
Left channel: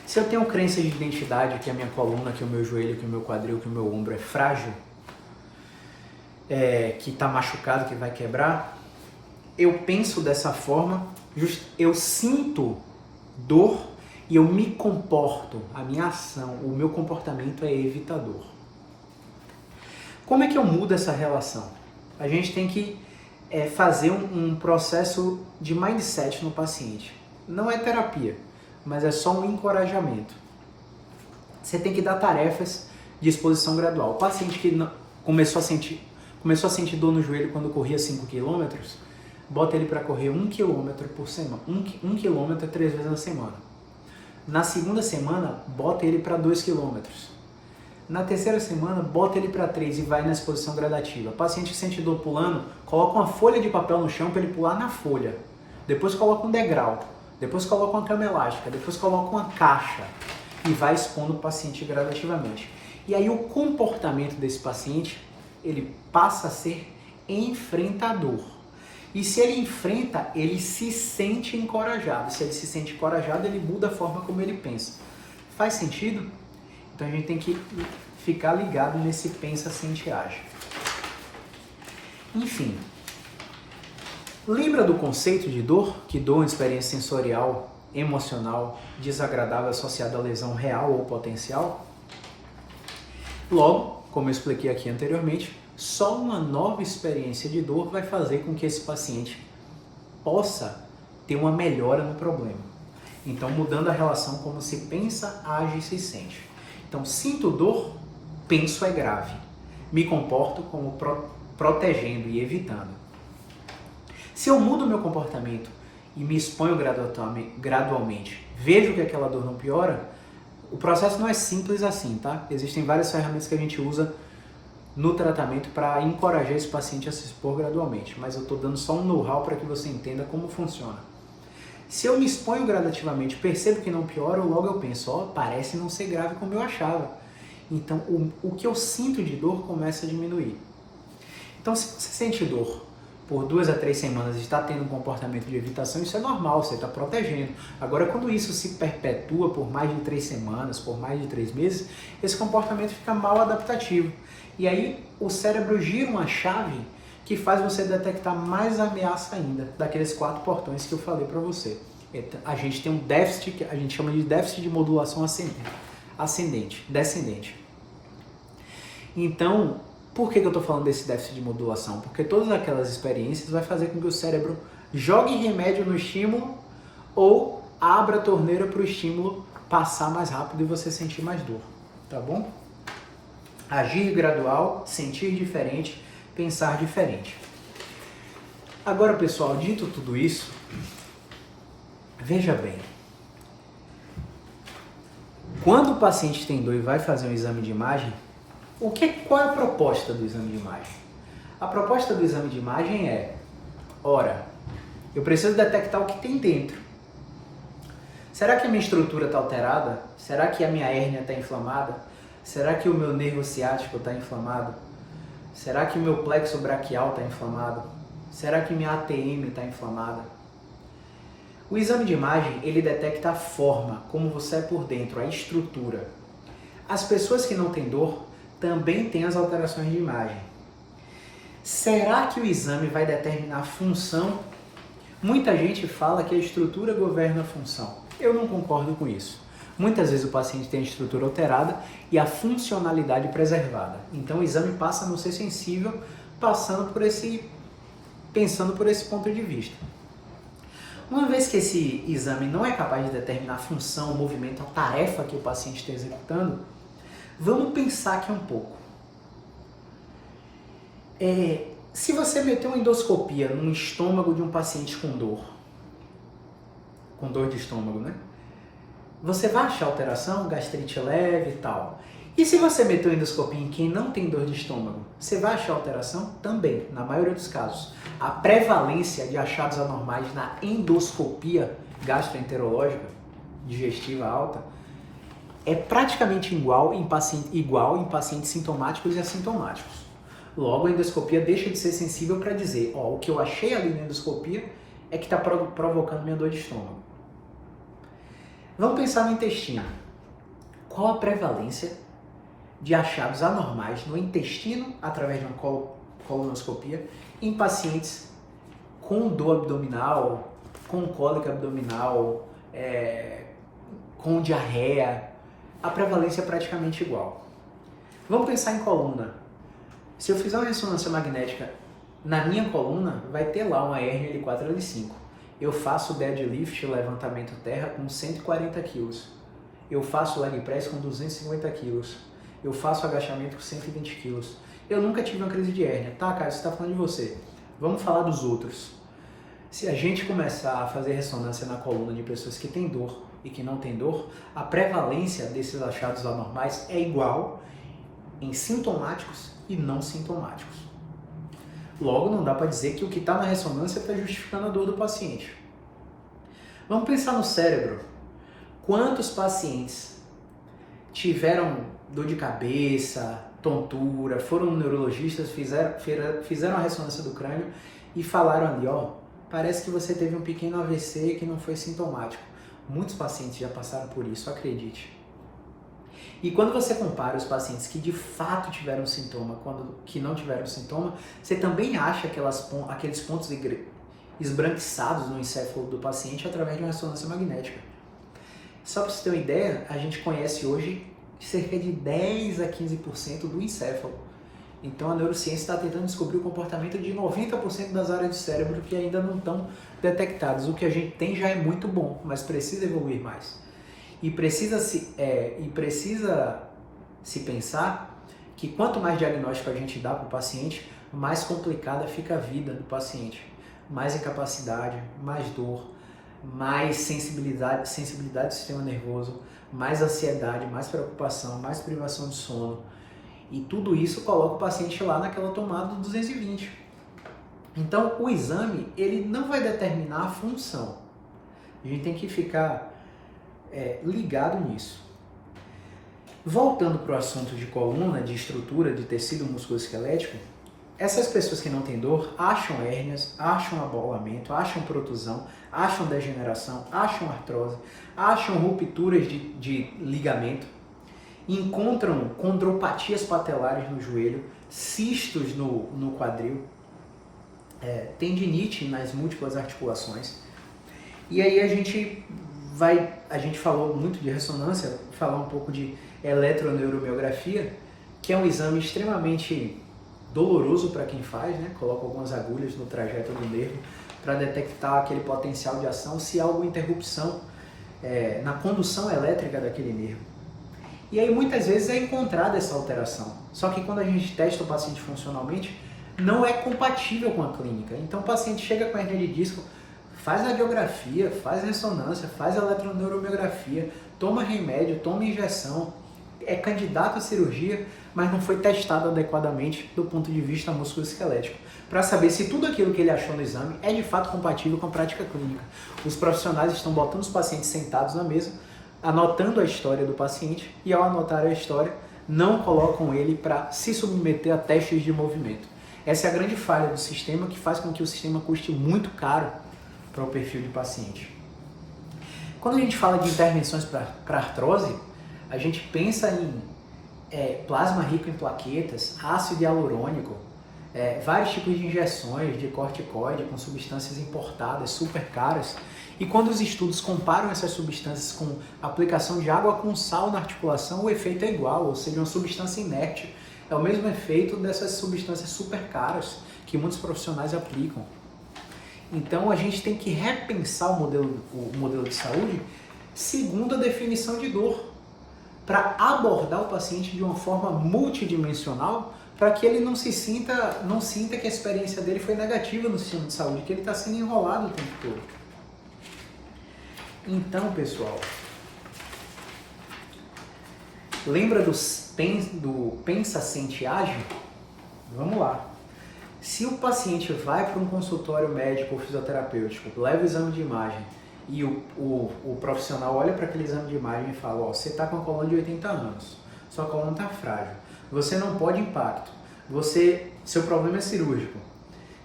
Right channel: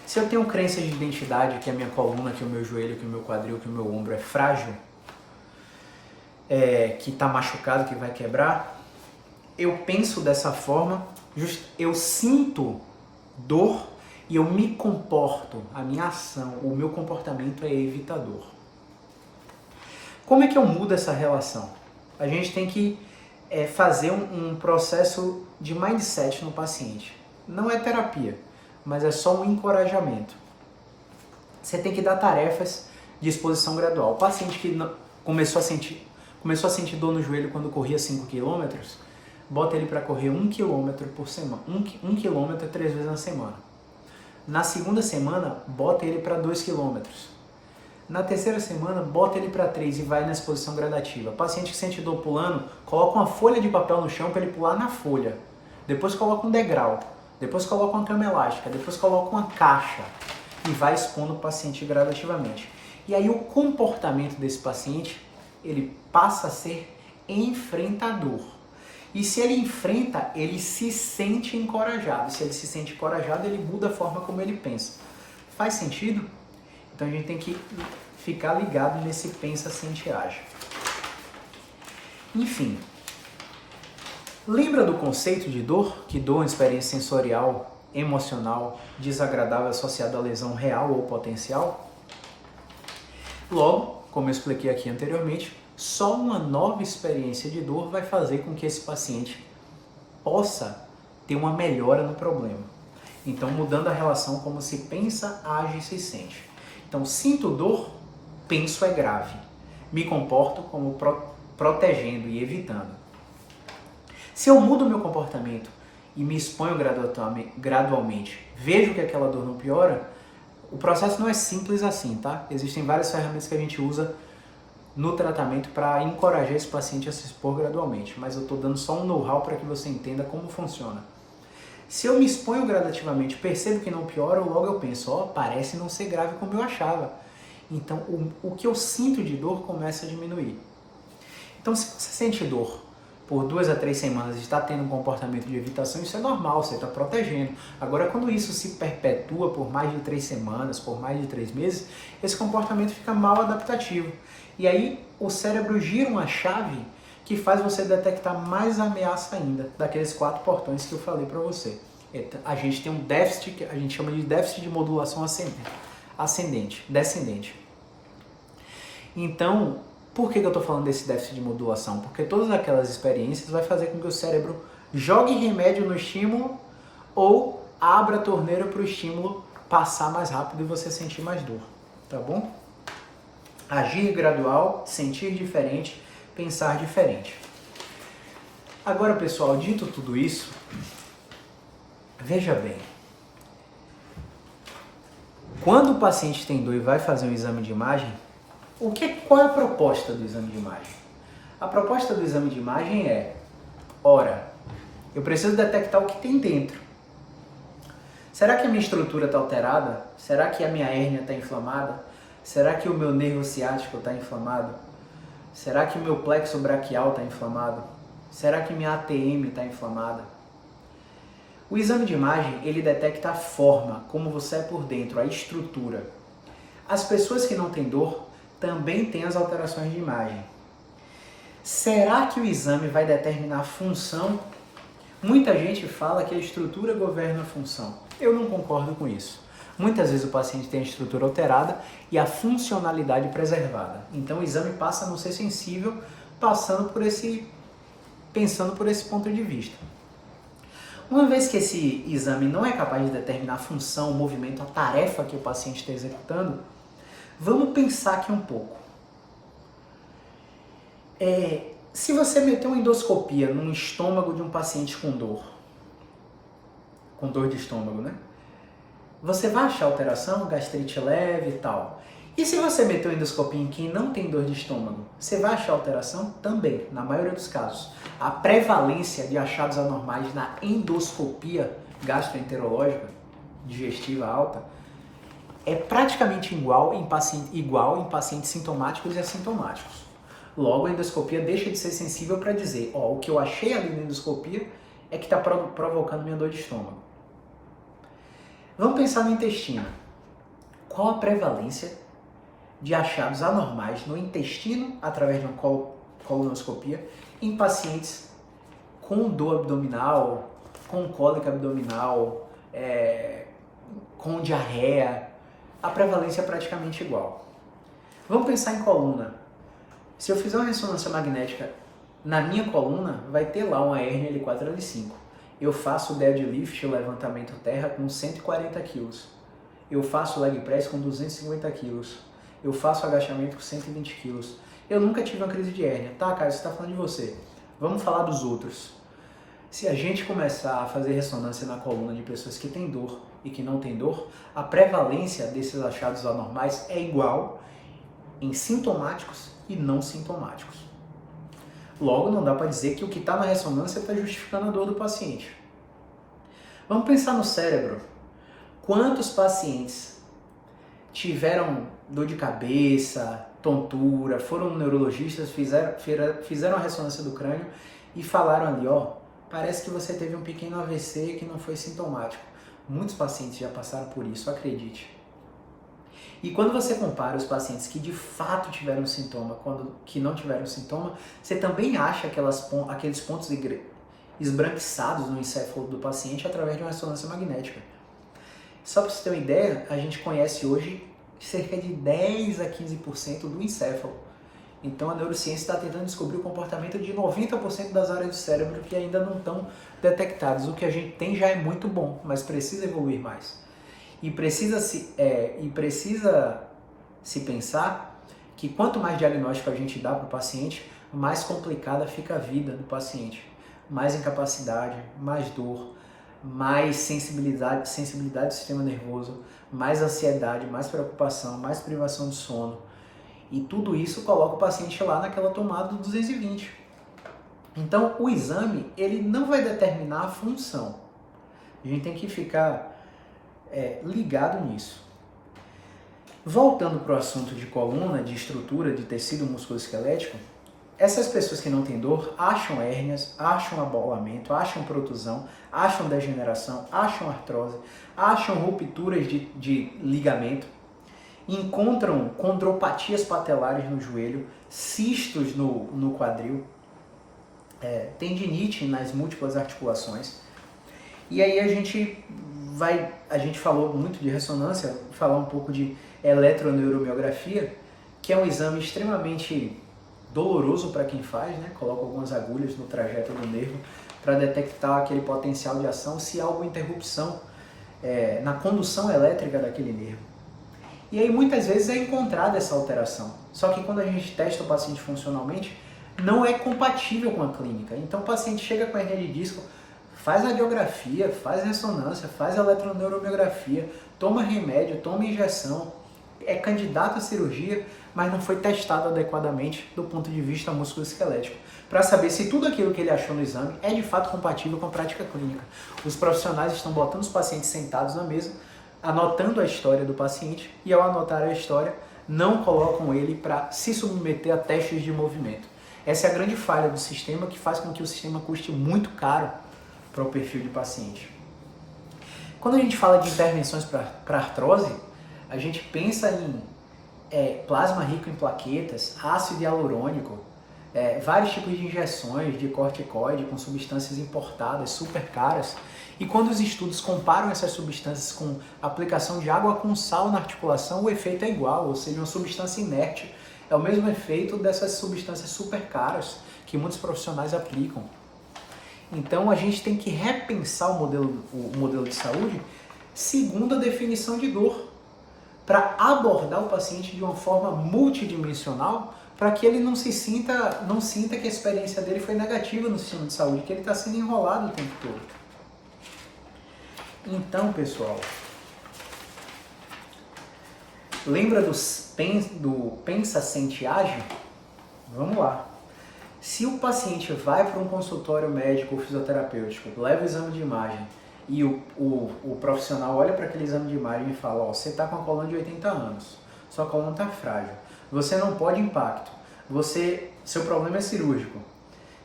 Se eu tenho crença de identidade, que a minha coluna, que o meu joelho, que o meu quadril, que o meu ombro é frágil, que está machucado, que vai quebrar, eu penso dessa forma, eu sinto dor e eu me comporto, a minha ação, o meu comportamento é evitador. Como é que eu mudo essa relação? A gente tem que fazer um processo de mindset no paciente. Não é terapia, mas é só um encorajamento. Você tem que dar tarefas de exposição gradual. O paciente que começou a sentir dor no joelho quando corria 5 km, bota ele para correr 1 km por semana, 1 km 3 vezes na semana. Na segunda semana, bota ele para 2 km. Na terceira semana, bota ele para 3 e vai na exposição gradativa. Paciente que sente dor pulando, coloca uma folha de papel no chão para ele pular na folha. Depois coloca um degrau. Depois coloca uma cama elástica. Depois coloca uma caixa. E vai expondo o paciente gradativamente. E aí o comportamento desse paciente, ele passa a ser enfrentador. E se ele enfrenta, ele se sente encorajado. Se ele se sente encorajado, ele muda a forma como ele pensa. Faz sentido? Então a gente tem que ficar ligado nesse pensa, sente e age. Enfim, lembra do conceito de dor? Que dor é uma experiência sensorial, emocional, desagradável associada à lesão real ou potencial? Logo, como eu expliquei aqui anteriormente, só uma nova experiência de dor vai fazer com que esse paciente possa ter uma melhora no problema. Então, mudando a relação como se pensa, age e se sente. Então, sinto dor, penso é grave. Me comporto como protegendo e evitando. Se eu mudo o meu comportamento e me exponho gradualmente, vejo que aquela dor não piora, o processo não é simples assim, tá? Existem várias ferramentas que a gente usa no tratamento para encorajar esse paciente a se expor gradualmente, mas eu estou dando só um know-how para que você entenda como funciona. Se eu me exponho gradativamente, percebo que não piora, logo eu penso, parece não ser grave como eu achava. Então, o que eu sinto de dor começa a diminuir. Então, se você sente dor por 2 a 3 semanas e está tendo um comportamento de evitação, isso é normal, você está protegendo. Agora, quando isso se perpetua por mais de 3 semanas, por mais de 3 meses, esse comportamento fica mal adaptativo. E aí, o cérebro gira uma chave que faz você detectar mais ameaça ainda daqueles 4 portões que eu falei para você. A gente tem um déficit que a gente chama de déficit de modulação descendente. Então, por que eu estou falando desse déficit de modulação? Porque todas aquelas experiências vai fazer com que o cérebro jogue remédio no estímulo ou abra a torneira para o estímulo passar mais rápido e você sentir mais dor, tá bom? Agir gradual, sentir diferente, pensar diferente. Agora, pessoal, dito tudo isso, veja bem. Quando o paciente tem dor e vai fazer um exame de imagem, qual é a proposta do exame de imagem? A proposta do exame de imagem é, ora, eu preciso detectar o que tem dentro. Será que a minha estrutura está alterada? Será que a minha hérnia está inflamada? Será que o meu nervo ciático está inflamado? Será que o meu plexo braquial está inflamado? Será que minha ATM está inflamada? O exame de imagem, ele detecta a forma, como você é por dentro, a estrutura. As pessoas que não têm dor também têm as alterações de imagem. Será que o exame vai determinar a função? Muita gente fala que a estrutura governa a função. Eu não concordo com isso. Muitas vezes o paciente tem a estrutura alterada e a funcionalidade preservada. Então o exame passa a não ser sensível, pensando por esse ponto de vista. Uma vez que esse exame não é capaz de determinar a função, o movimento, a tarefa que o paciente está executando, vamos pensar aqui um pouco. Se você meter uma endoscopia no estômago de um paciente com dor de estômago, né? Você vai achar alteração, gastrite leve e tal. E se você meter uma endoscopia em quem não tem dor de estômago, você vai achar alteração? Também, na maioria dos casos. A prevalência de achados anormais na endoscopia gastroenterológica digestiva alta é praticamente igual em pacientes sintomáticos e assintomáticos. Logo, a endoscopia deixa de ser sensível para dizer, o que eu achei ali na endoscopia é que está provocando minha dor de estômago. Vamos pensar no intestino. Qual a prevalência de achados anormais no intestino através de uma colonoscopia em pacientes com dor abdominal, com cólica abdominal, com diarreia? A prevalência é praticamente igual. Vamos pensar em coluna. Se eu fizer uma ressonância magnética na minha coluna, vai ter lá uma hérnia L4, L5. Eu faço deadlift, levantamento terra, com 140 kg. Eu faço leg press com 250 kg. Eu faço agachamento com 120 kg. Eu nunca tive uma crise de hérnia. Tá, cara, você está falando de você. Vamos falar dos outros. Se a gente começar a fazer ressonância na coluna de pessoas que têm dor e que não têm dor, a prevalência desses achados anormais é igual em sintomáticos e não sintomáticos. Logo, não dá para dizer que o que está na ressonância está justificando a dor do paciente. Vamos pensar no cérebro. Quantos pacientes tiveram dor de cabeça, tontura, foram neurologistas, fizeram a ressonância do crânio e falaram ali, parece que você teve um pequeno AVC que não foi sintomático. Muitos pacientes já passaram por isso, acredite. E quando você compara os pacientes que de fato tiveram sintoma, que não tiveram sintoma, você também acha aqueles pontos esbranquiçados no encéfalo do paciente através de uma ressonância magnética. Só para você ter uma ideia, a gente conhece hoje cerca de 10 a 15% do encéfalo. Então a neurociência está tentando descobrir o comportamento de 90% das áreas do cérebro que ainda não estão detectadas. O que a gente tem já é muito bom, mas precisa evoluir mais. E precisa se pensar que quanto mais diagnóstico a gente dá para o paciente, mais complicada fica a vida do paciente. Mais incapacidade, mais dor, mais sensibilidade do sistema nervoso, mais ansiedade, mais preocupação, mais privação de sono. E tudo isso coloca o paciente lá naquela tomada do 220. Então, o exame, ele não vai determinar a função. A gente tem que ficar ligado nisso. Voltando para o assunto de coluna, de estrutura, de tecido musculoesquelético, essas pessoas que não têm dor acham hérnias, acham abolamento, acham protusão, acham degeneração, acham artrose, acham rupturas de ligamento, encontram condropatias patelares no joelho, cistos no quadril, tendinite nas múltiplas articulações. E aí a gente falou muito de ressonância, falar um pouco de eletroneuromiografia, que é um exame extremamente doloroso para quem faz, né? Coloca algumas agulhas no trajeto do nervo para detectar aquele potencial de ação, se há alguma interrupção na condução elétrica daquele nervo. E aí muitas vezes é encontrada essa alteração. Só que quando a gente testa o paciente funcionalmente, não é compatível com a clínica. Então o paciente chega com hernia de disco, faz radiografia, faz ressonância, faz eletroneuromiografia, toma remédio, toma injeção, é candidato à cirurgia, mas não foi testado adequadamente do ponto de vista musculoesquelético, para saber se tudo aquilo que ele achou no exame é de fato compatível com a prática clínica. Os profissionais estão botando os pacientes sentados na mesa, anotando a história do paciente, e ao anotar a história, não colocam ele para se submeter a testes de movimento. Essa é a grande falha do sistema, que faz com que o sistema custe muito caro para o perfil de paciente. Quando a gente fala de intervenções para artrose, a gente pensa em plasma rico em plaquetas, ácido hialurônico, vários tipos de injeções de corticoide com substâncias importadas, super caras. E quando os estudos comparam essas substâncias com aplicação de água com sal na articulação, o efeito é igual, ou seja, uma substância inerte. É o mesmo efeito dessas substâncias super caras que muitos profissionais aplicam. Então a gente tem que repensar o modelo de saúde segundo a definição de dor, para abordar o paciente de uma forma multidimensional, para que ele não sinta que a experiência dele foi negativa no sistema de saúde, que ele está sendo enrolado o tempo todo. Então, pessoal, lembra do pensa, sente, age? Vamos lá. Se o paciente vai para um consultório médico ou fisioterapêutico, leva o exame de imagem, e o profissional olha para aquele exame de imagem e fala, você está com a coluna de 80 anos, sua coluna está frágil, você não pode impacto, seu problema é cirúrgico,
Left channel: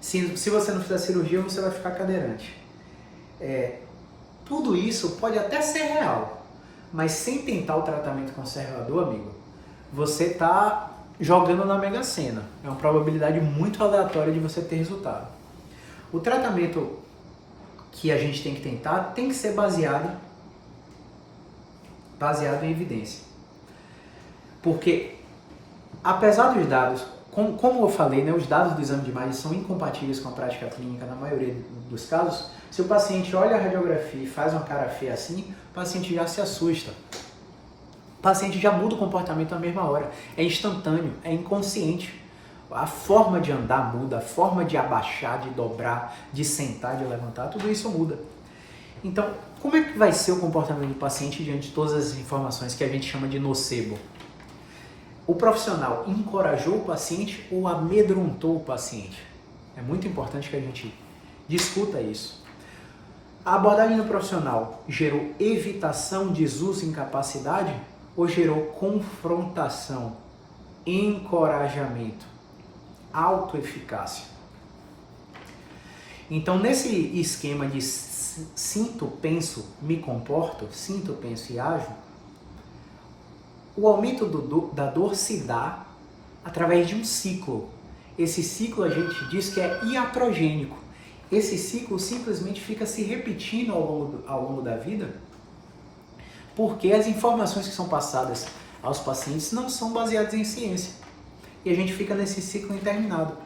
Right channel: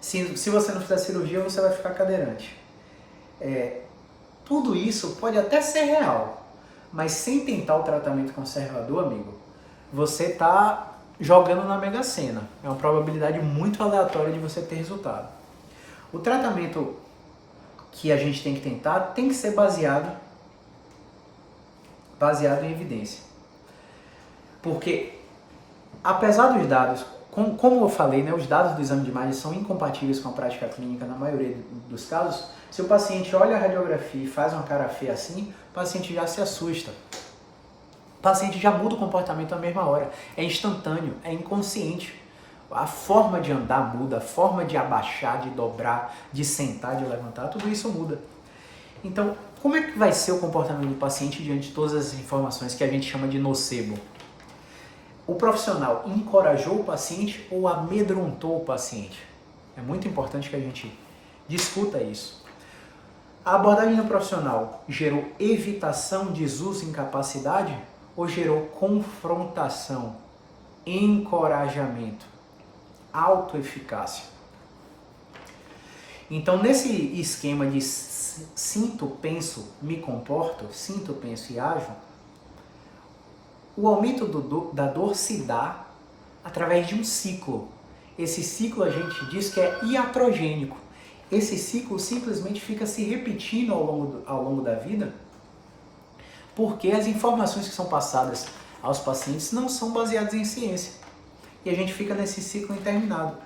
se você não fizer cirurgia você vai ficar cadeirante. Tudo isso pode até ser real, mas sem tentar o tratamento conservador, amigo, você está jogando na Mega Sena. É uma probabilidade muito aleatória de você ter resultado. O tratamento que a gente tem que tentar tem que ser baseado em evidência. Porque, apesar dos dados, como eu falei, né, os dados do exame de imagem são incompatíveis com a prática clínica na maioria dos casos, se o paciente olha a radiografia e faz uma cara feia assim, o paciente já se assusta. O paciente já muda o comportamento na mesma hora. É instantâneo, é inconsciente. A forma de andar muda, a forma de abaixar, de dobrar, de sentar, de levantar, tudo isso muda. Então, como é que vai ser o comportamento do paciente diante de todas as informações que a gente chama de nocebo? O profissional encorajou o paciente ou amedrontou o paciente? É muito importante que a gente discuta isso. A abordagem do profissional gerou evitação, desuso, incapacidade ou gerou confrontação, encorajamento, autoeficácia? Então, nesse esquema de sinto, penso, me comporto, sinto, penso e ajo, o aumento da dor se dá através de um ciclo. Esse ciclo a gente diz que é iatrogênico. Esse ciclo simplesmente fica se repetindo ao longo da vida, porque as informações que são passadas aos pacientes não são baseadas em ciência. E a gente fica nesse ciclo interminável.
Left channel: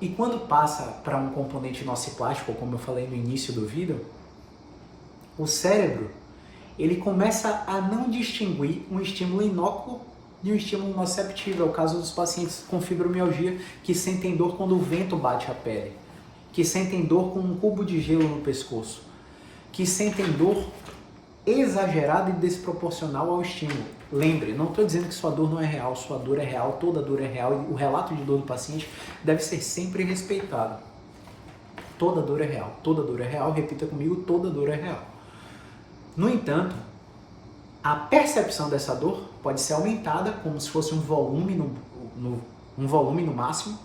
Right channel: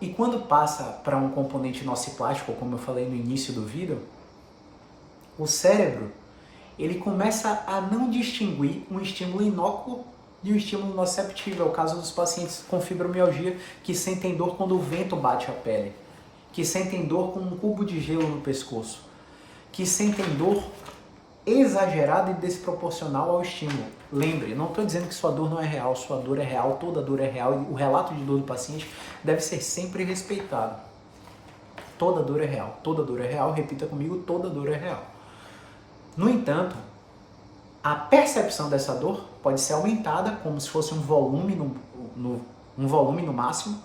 E quando passa para um componente nociplástico, como eu falei no início do vídeo, o cérebro ele começa a não distinguir um estímulo inócuo de um estímulo nociceptivo. É o caso dos pacientes com fibromialgia que sentem dor quando o vento bate a pele, que sentem dor com um cubo de gelo no pescoço, que sentem dor exagerada e desproporcional ao estímulo. Lembre, não estou dizendo que sua dor não é real, sua dor é real, toda dor é real, e o relato de dor do paciente deve ser sempre respeitado. Toda dor é real, repita comigo, toda dor é real. No entanto, a percepção dessa dor pode ser aumentada como se fosse um volume no máximo,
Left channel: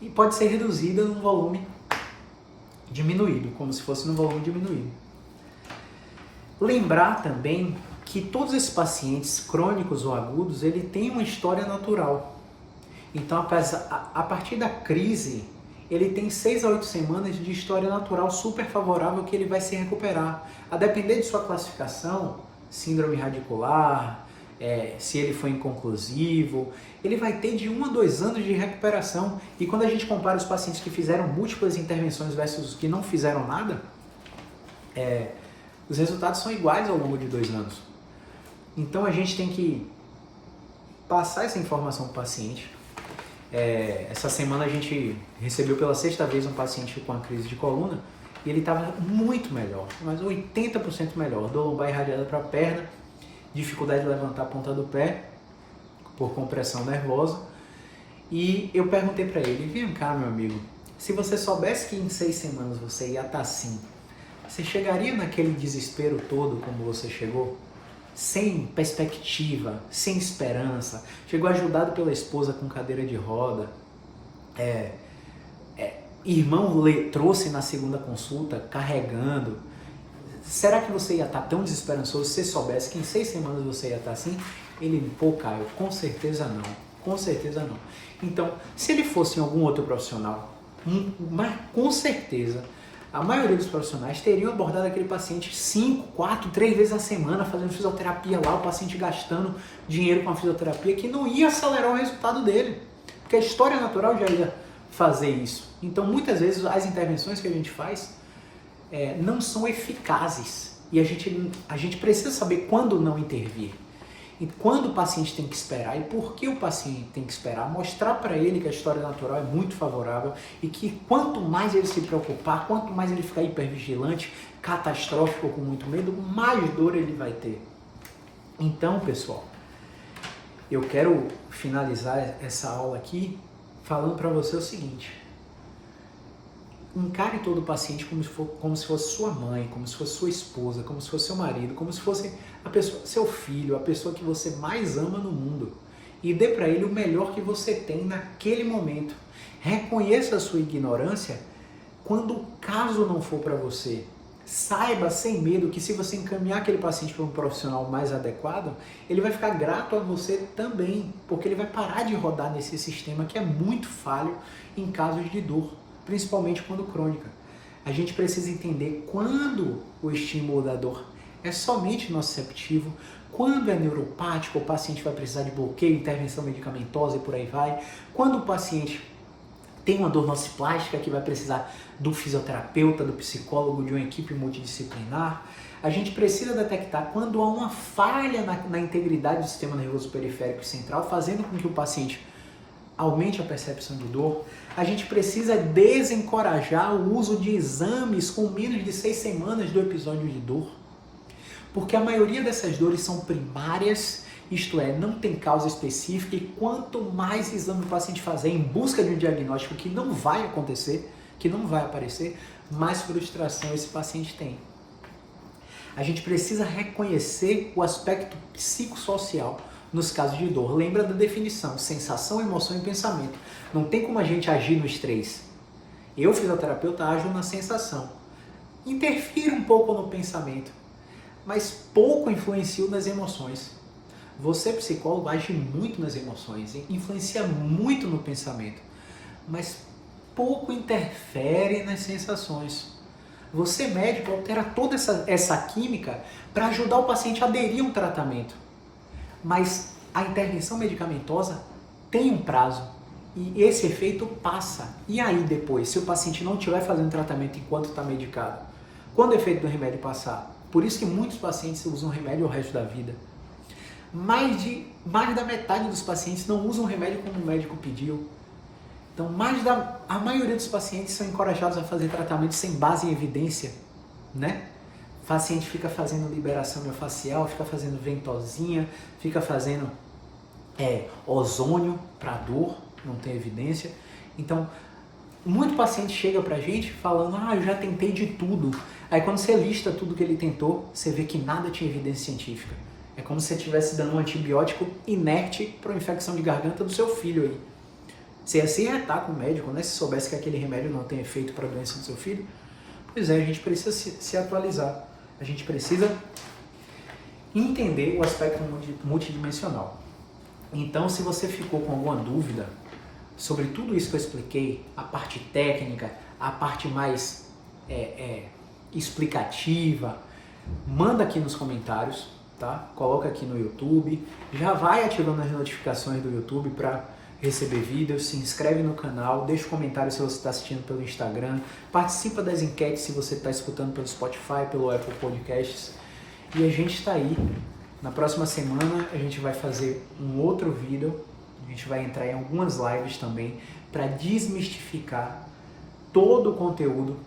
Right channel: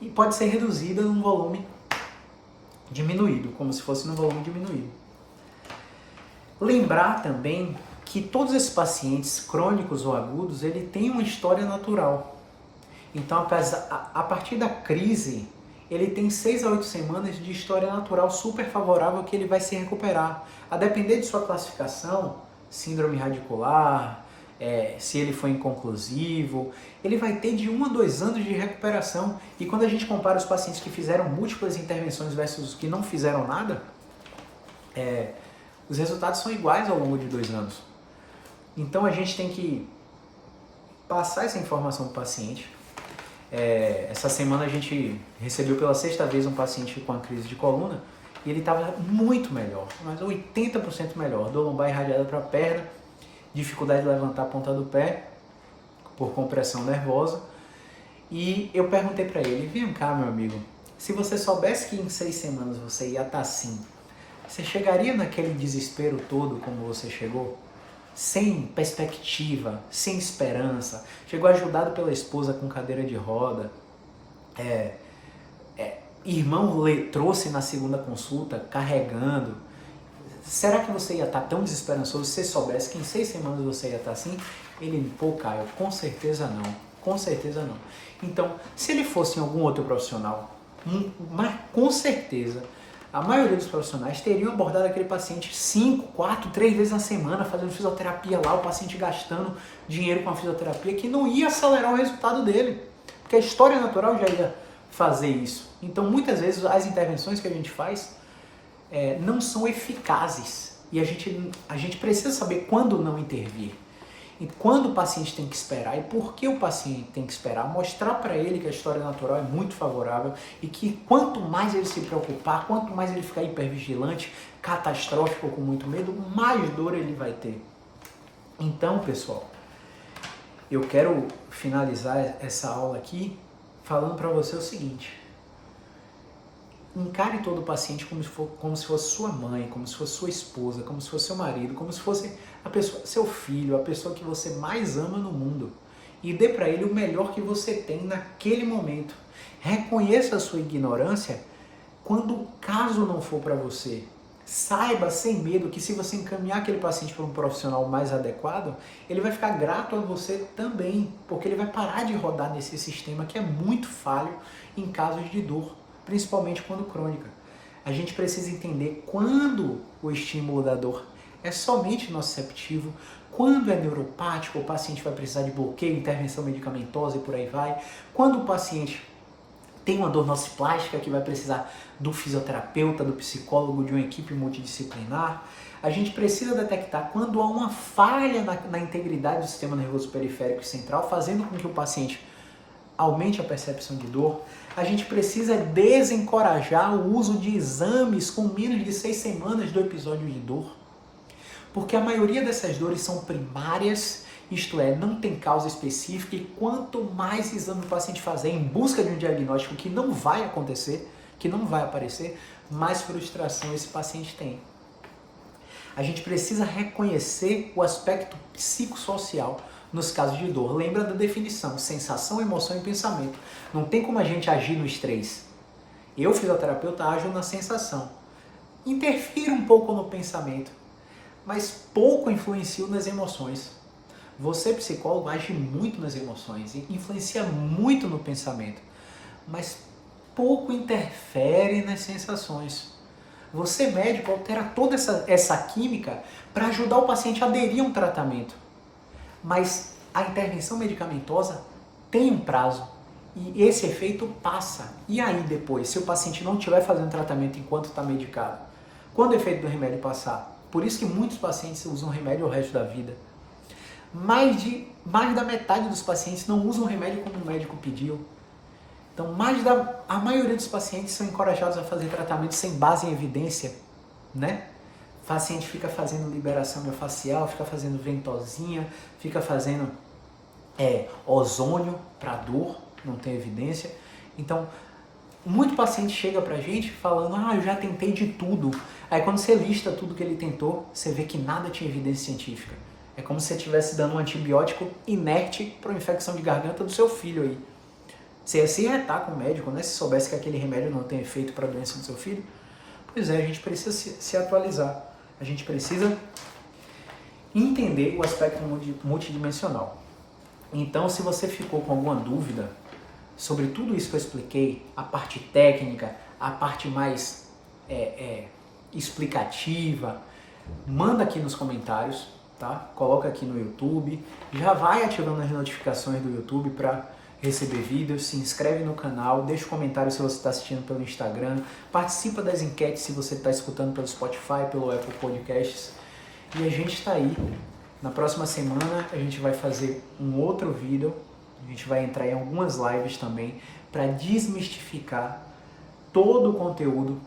e pode ser reduzida num volume diminuído, como se fosse num volume diminuído. Lembrar também que todos esses pacientes crônicos ou agudos, ele tem uma história natural. Então, a partir da crise, ele tem 6 a 8 semanas de história natural super favorável que ele vai se recuperar. A depender de sua classificação, síndrome radicular, se ele foi inconclusivo. Ele vai ter de 1 a 2 anos de recuperação. E quando a gente compara os pacientes que fizeram múltiplas intervenções versus os que não fizeram nada, os resultados são iguais ao longo de 2 anos. Então a gente tem que passar essa informação para o paciente. Essa semana a gente recebeu pela 6ª vez um paciente com uma crise de coluna e ele estava muito melhor, mas 80% melhor. Dor lombar irradiada para a perna, dificuldade de levantar a ponta do pé por compressão nervosa. E eu perguntei para ele: vem cá, meu amigo, se você soubesse que em 6 semanas você ia estar assim, você chegaria naquele desespero todo como você chegou? Sem perspectiva, sem esperança, chegou ajudado pela esposa com cadeira de roda, irmão trouxe na 2ª consulta carregando. Será que você ia estar tão desesperançoso se você soubesse que em 6 semanas você ia estar assim? Ele, pô, Caio, com certeza não, com certeza não. Então, se ele fosse em algum outro profissional, mas com certeza a maioria dos profissionais teriam abordado aquele paciente 5, 4, 3 vezes na semana, fazendo fisioterapia lá, o paciente gastando dinheiro com a fisioterapia, que não ia acelerar o resultado dele, porque a história natural já ia fazer isso. Então, muitas vezes, as intervenções que a gente faz não são eficazes e a gente precisa saber quando não intervir. E quando o paciente tem que esperar e por que o paciente tem que esperar, mostrar para ele que a história natural é muito favorável e que quanto mais ele se preocupar, quanto mais ele ficar hipervigilante, catastrófico ou com muito medo, mais dor ele vai ter. Então, pessoal, eu quero finalizar essa aula aqui falando para você o seguinte: encare todo paciente como se fosse sua mãe, como se fosse sua esposa, como se fosse seu marido, como se fosse seu filho, a pessoa que você mais ama no mundo. E dê para ele o melhor que você tem naquele momento. Reconheça a sua ignorância quando o caso não for para você. Saiba sem medo que se você encaminhar aquele paciente para um profissional mais adequado, ele vai ficar grato a você também, porque ele vai parar de rodar nesse sistema que é muito falho em casos de dor, principalmente quando crônica. A gente precisa entender quando o estímulo da dor é somente nociceptivo, quando é neuropático, o paciente vai precisar de bloqueio, intervenção medicamentosa e por aí vai. Quando o paciente tem uma dor nociplástica que vai precisar do fisioterapeuta, do psicólogo, de uma equipe multidisciplinar. A gente precisa detectar quando há uma falha na integridade do sistema nervoso periférico e central, fazendo com que o paciente aumente a percepção de dor. A gente precisa desencorajar o uso de exames com menos de 6 semanas do episódio de dor, porque a maioria dessas dores são primárias, isto é, não tem causa específica, e quanto mais exame o paciente fazer em busca de um diagnóstico que não vai acontecer, que não vai aparecer, mais frustração esse paciente tem. A gente precisa reconhecer o aspecto psicossocial nos casos de dor. Lembra da definição: sensação, emoção e pensamento. Não tem como a gente agir nos 3. Eu, fisioterapeuta, ajo na sensação. Interfiro um pouco no pensamento, mas pouco influencio nas emoções. Você, psicólogo, age muito nas emoções, influencia muito no pensamento, mas pouco interfere nas sensações. Você, médico, altera toda essa química para ajudar o paciente a aderir a um tratamento. Mas a intervenção medicamentosa tem um prazo e esse efeito passa. E aí depois, se o paciente não estiver fazendo tratamento enquanto está medicado, quando o efeito do remédio passar? Por isso que muitos pacientes usam remédio o resto da vida. Mais da metade dos pacientes não usam remédio como o médico pediu. Então, a maioria dos pacientes são encorajados a fazer tratamento sem base em evidência, né? O paciente fica fazendo liberação miofascial, fica fazendo ventosinha, fica fazendo ozônio para dor, não tem evidência. Então, muito paciente chega pra gente falando: eu já tentei de tudo. Aí quando você lista tudo que ele tentou, você vê que nada tinha evidência científica. É como se você estivesse dando um antibiótico inerte para uma infecção de garganta do seu filho aí. Você ia se irritar com o médico, né? Se soubesse que aquele remédio não tem efeito para a doença do seu filho. Pois é, a gente precisa se atualizar. A gente precisa entender o aspecto multidimensional. Então, se você ficou com alguma dúvida sobre tudo isso que eu expliquei, a parte técnica, a parte mais explicativa, manda aqui nos comentários. tá? Coloca aqui no YouTube, já vai ativando as notificações do YouTube para receber vídeos, se inscreve no canal, deixa um comentário se você está assistindo pelo Instagram, participa das enquetes se você está escutando pelo Spotify, pelo Apple Podcasts. E a gente está aí. Na próxima semana a gente vai fazer um outro vídeo, a gente vai entrar em algumas lives também para desmistificar todo o conteúdo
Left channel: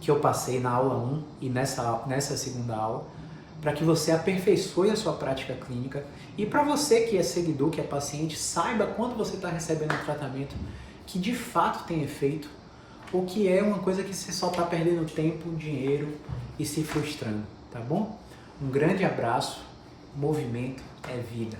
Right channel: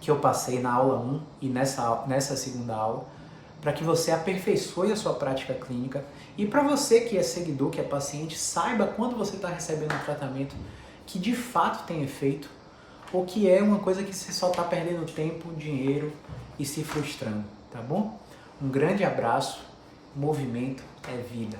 que eu passei na aula 1 e nessa segunda aula, para que você aperfeiçoe a sua prática clínica e para você que é seguidor, que é paciente, saiba quando você está recebendo um tratamento que de fato tem efeito ou que é uma coisa que você só está perdendo tempo, dinheiro e se frustrando, tá bom? Um grande abraço, movimento é vida.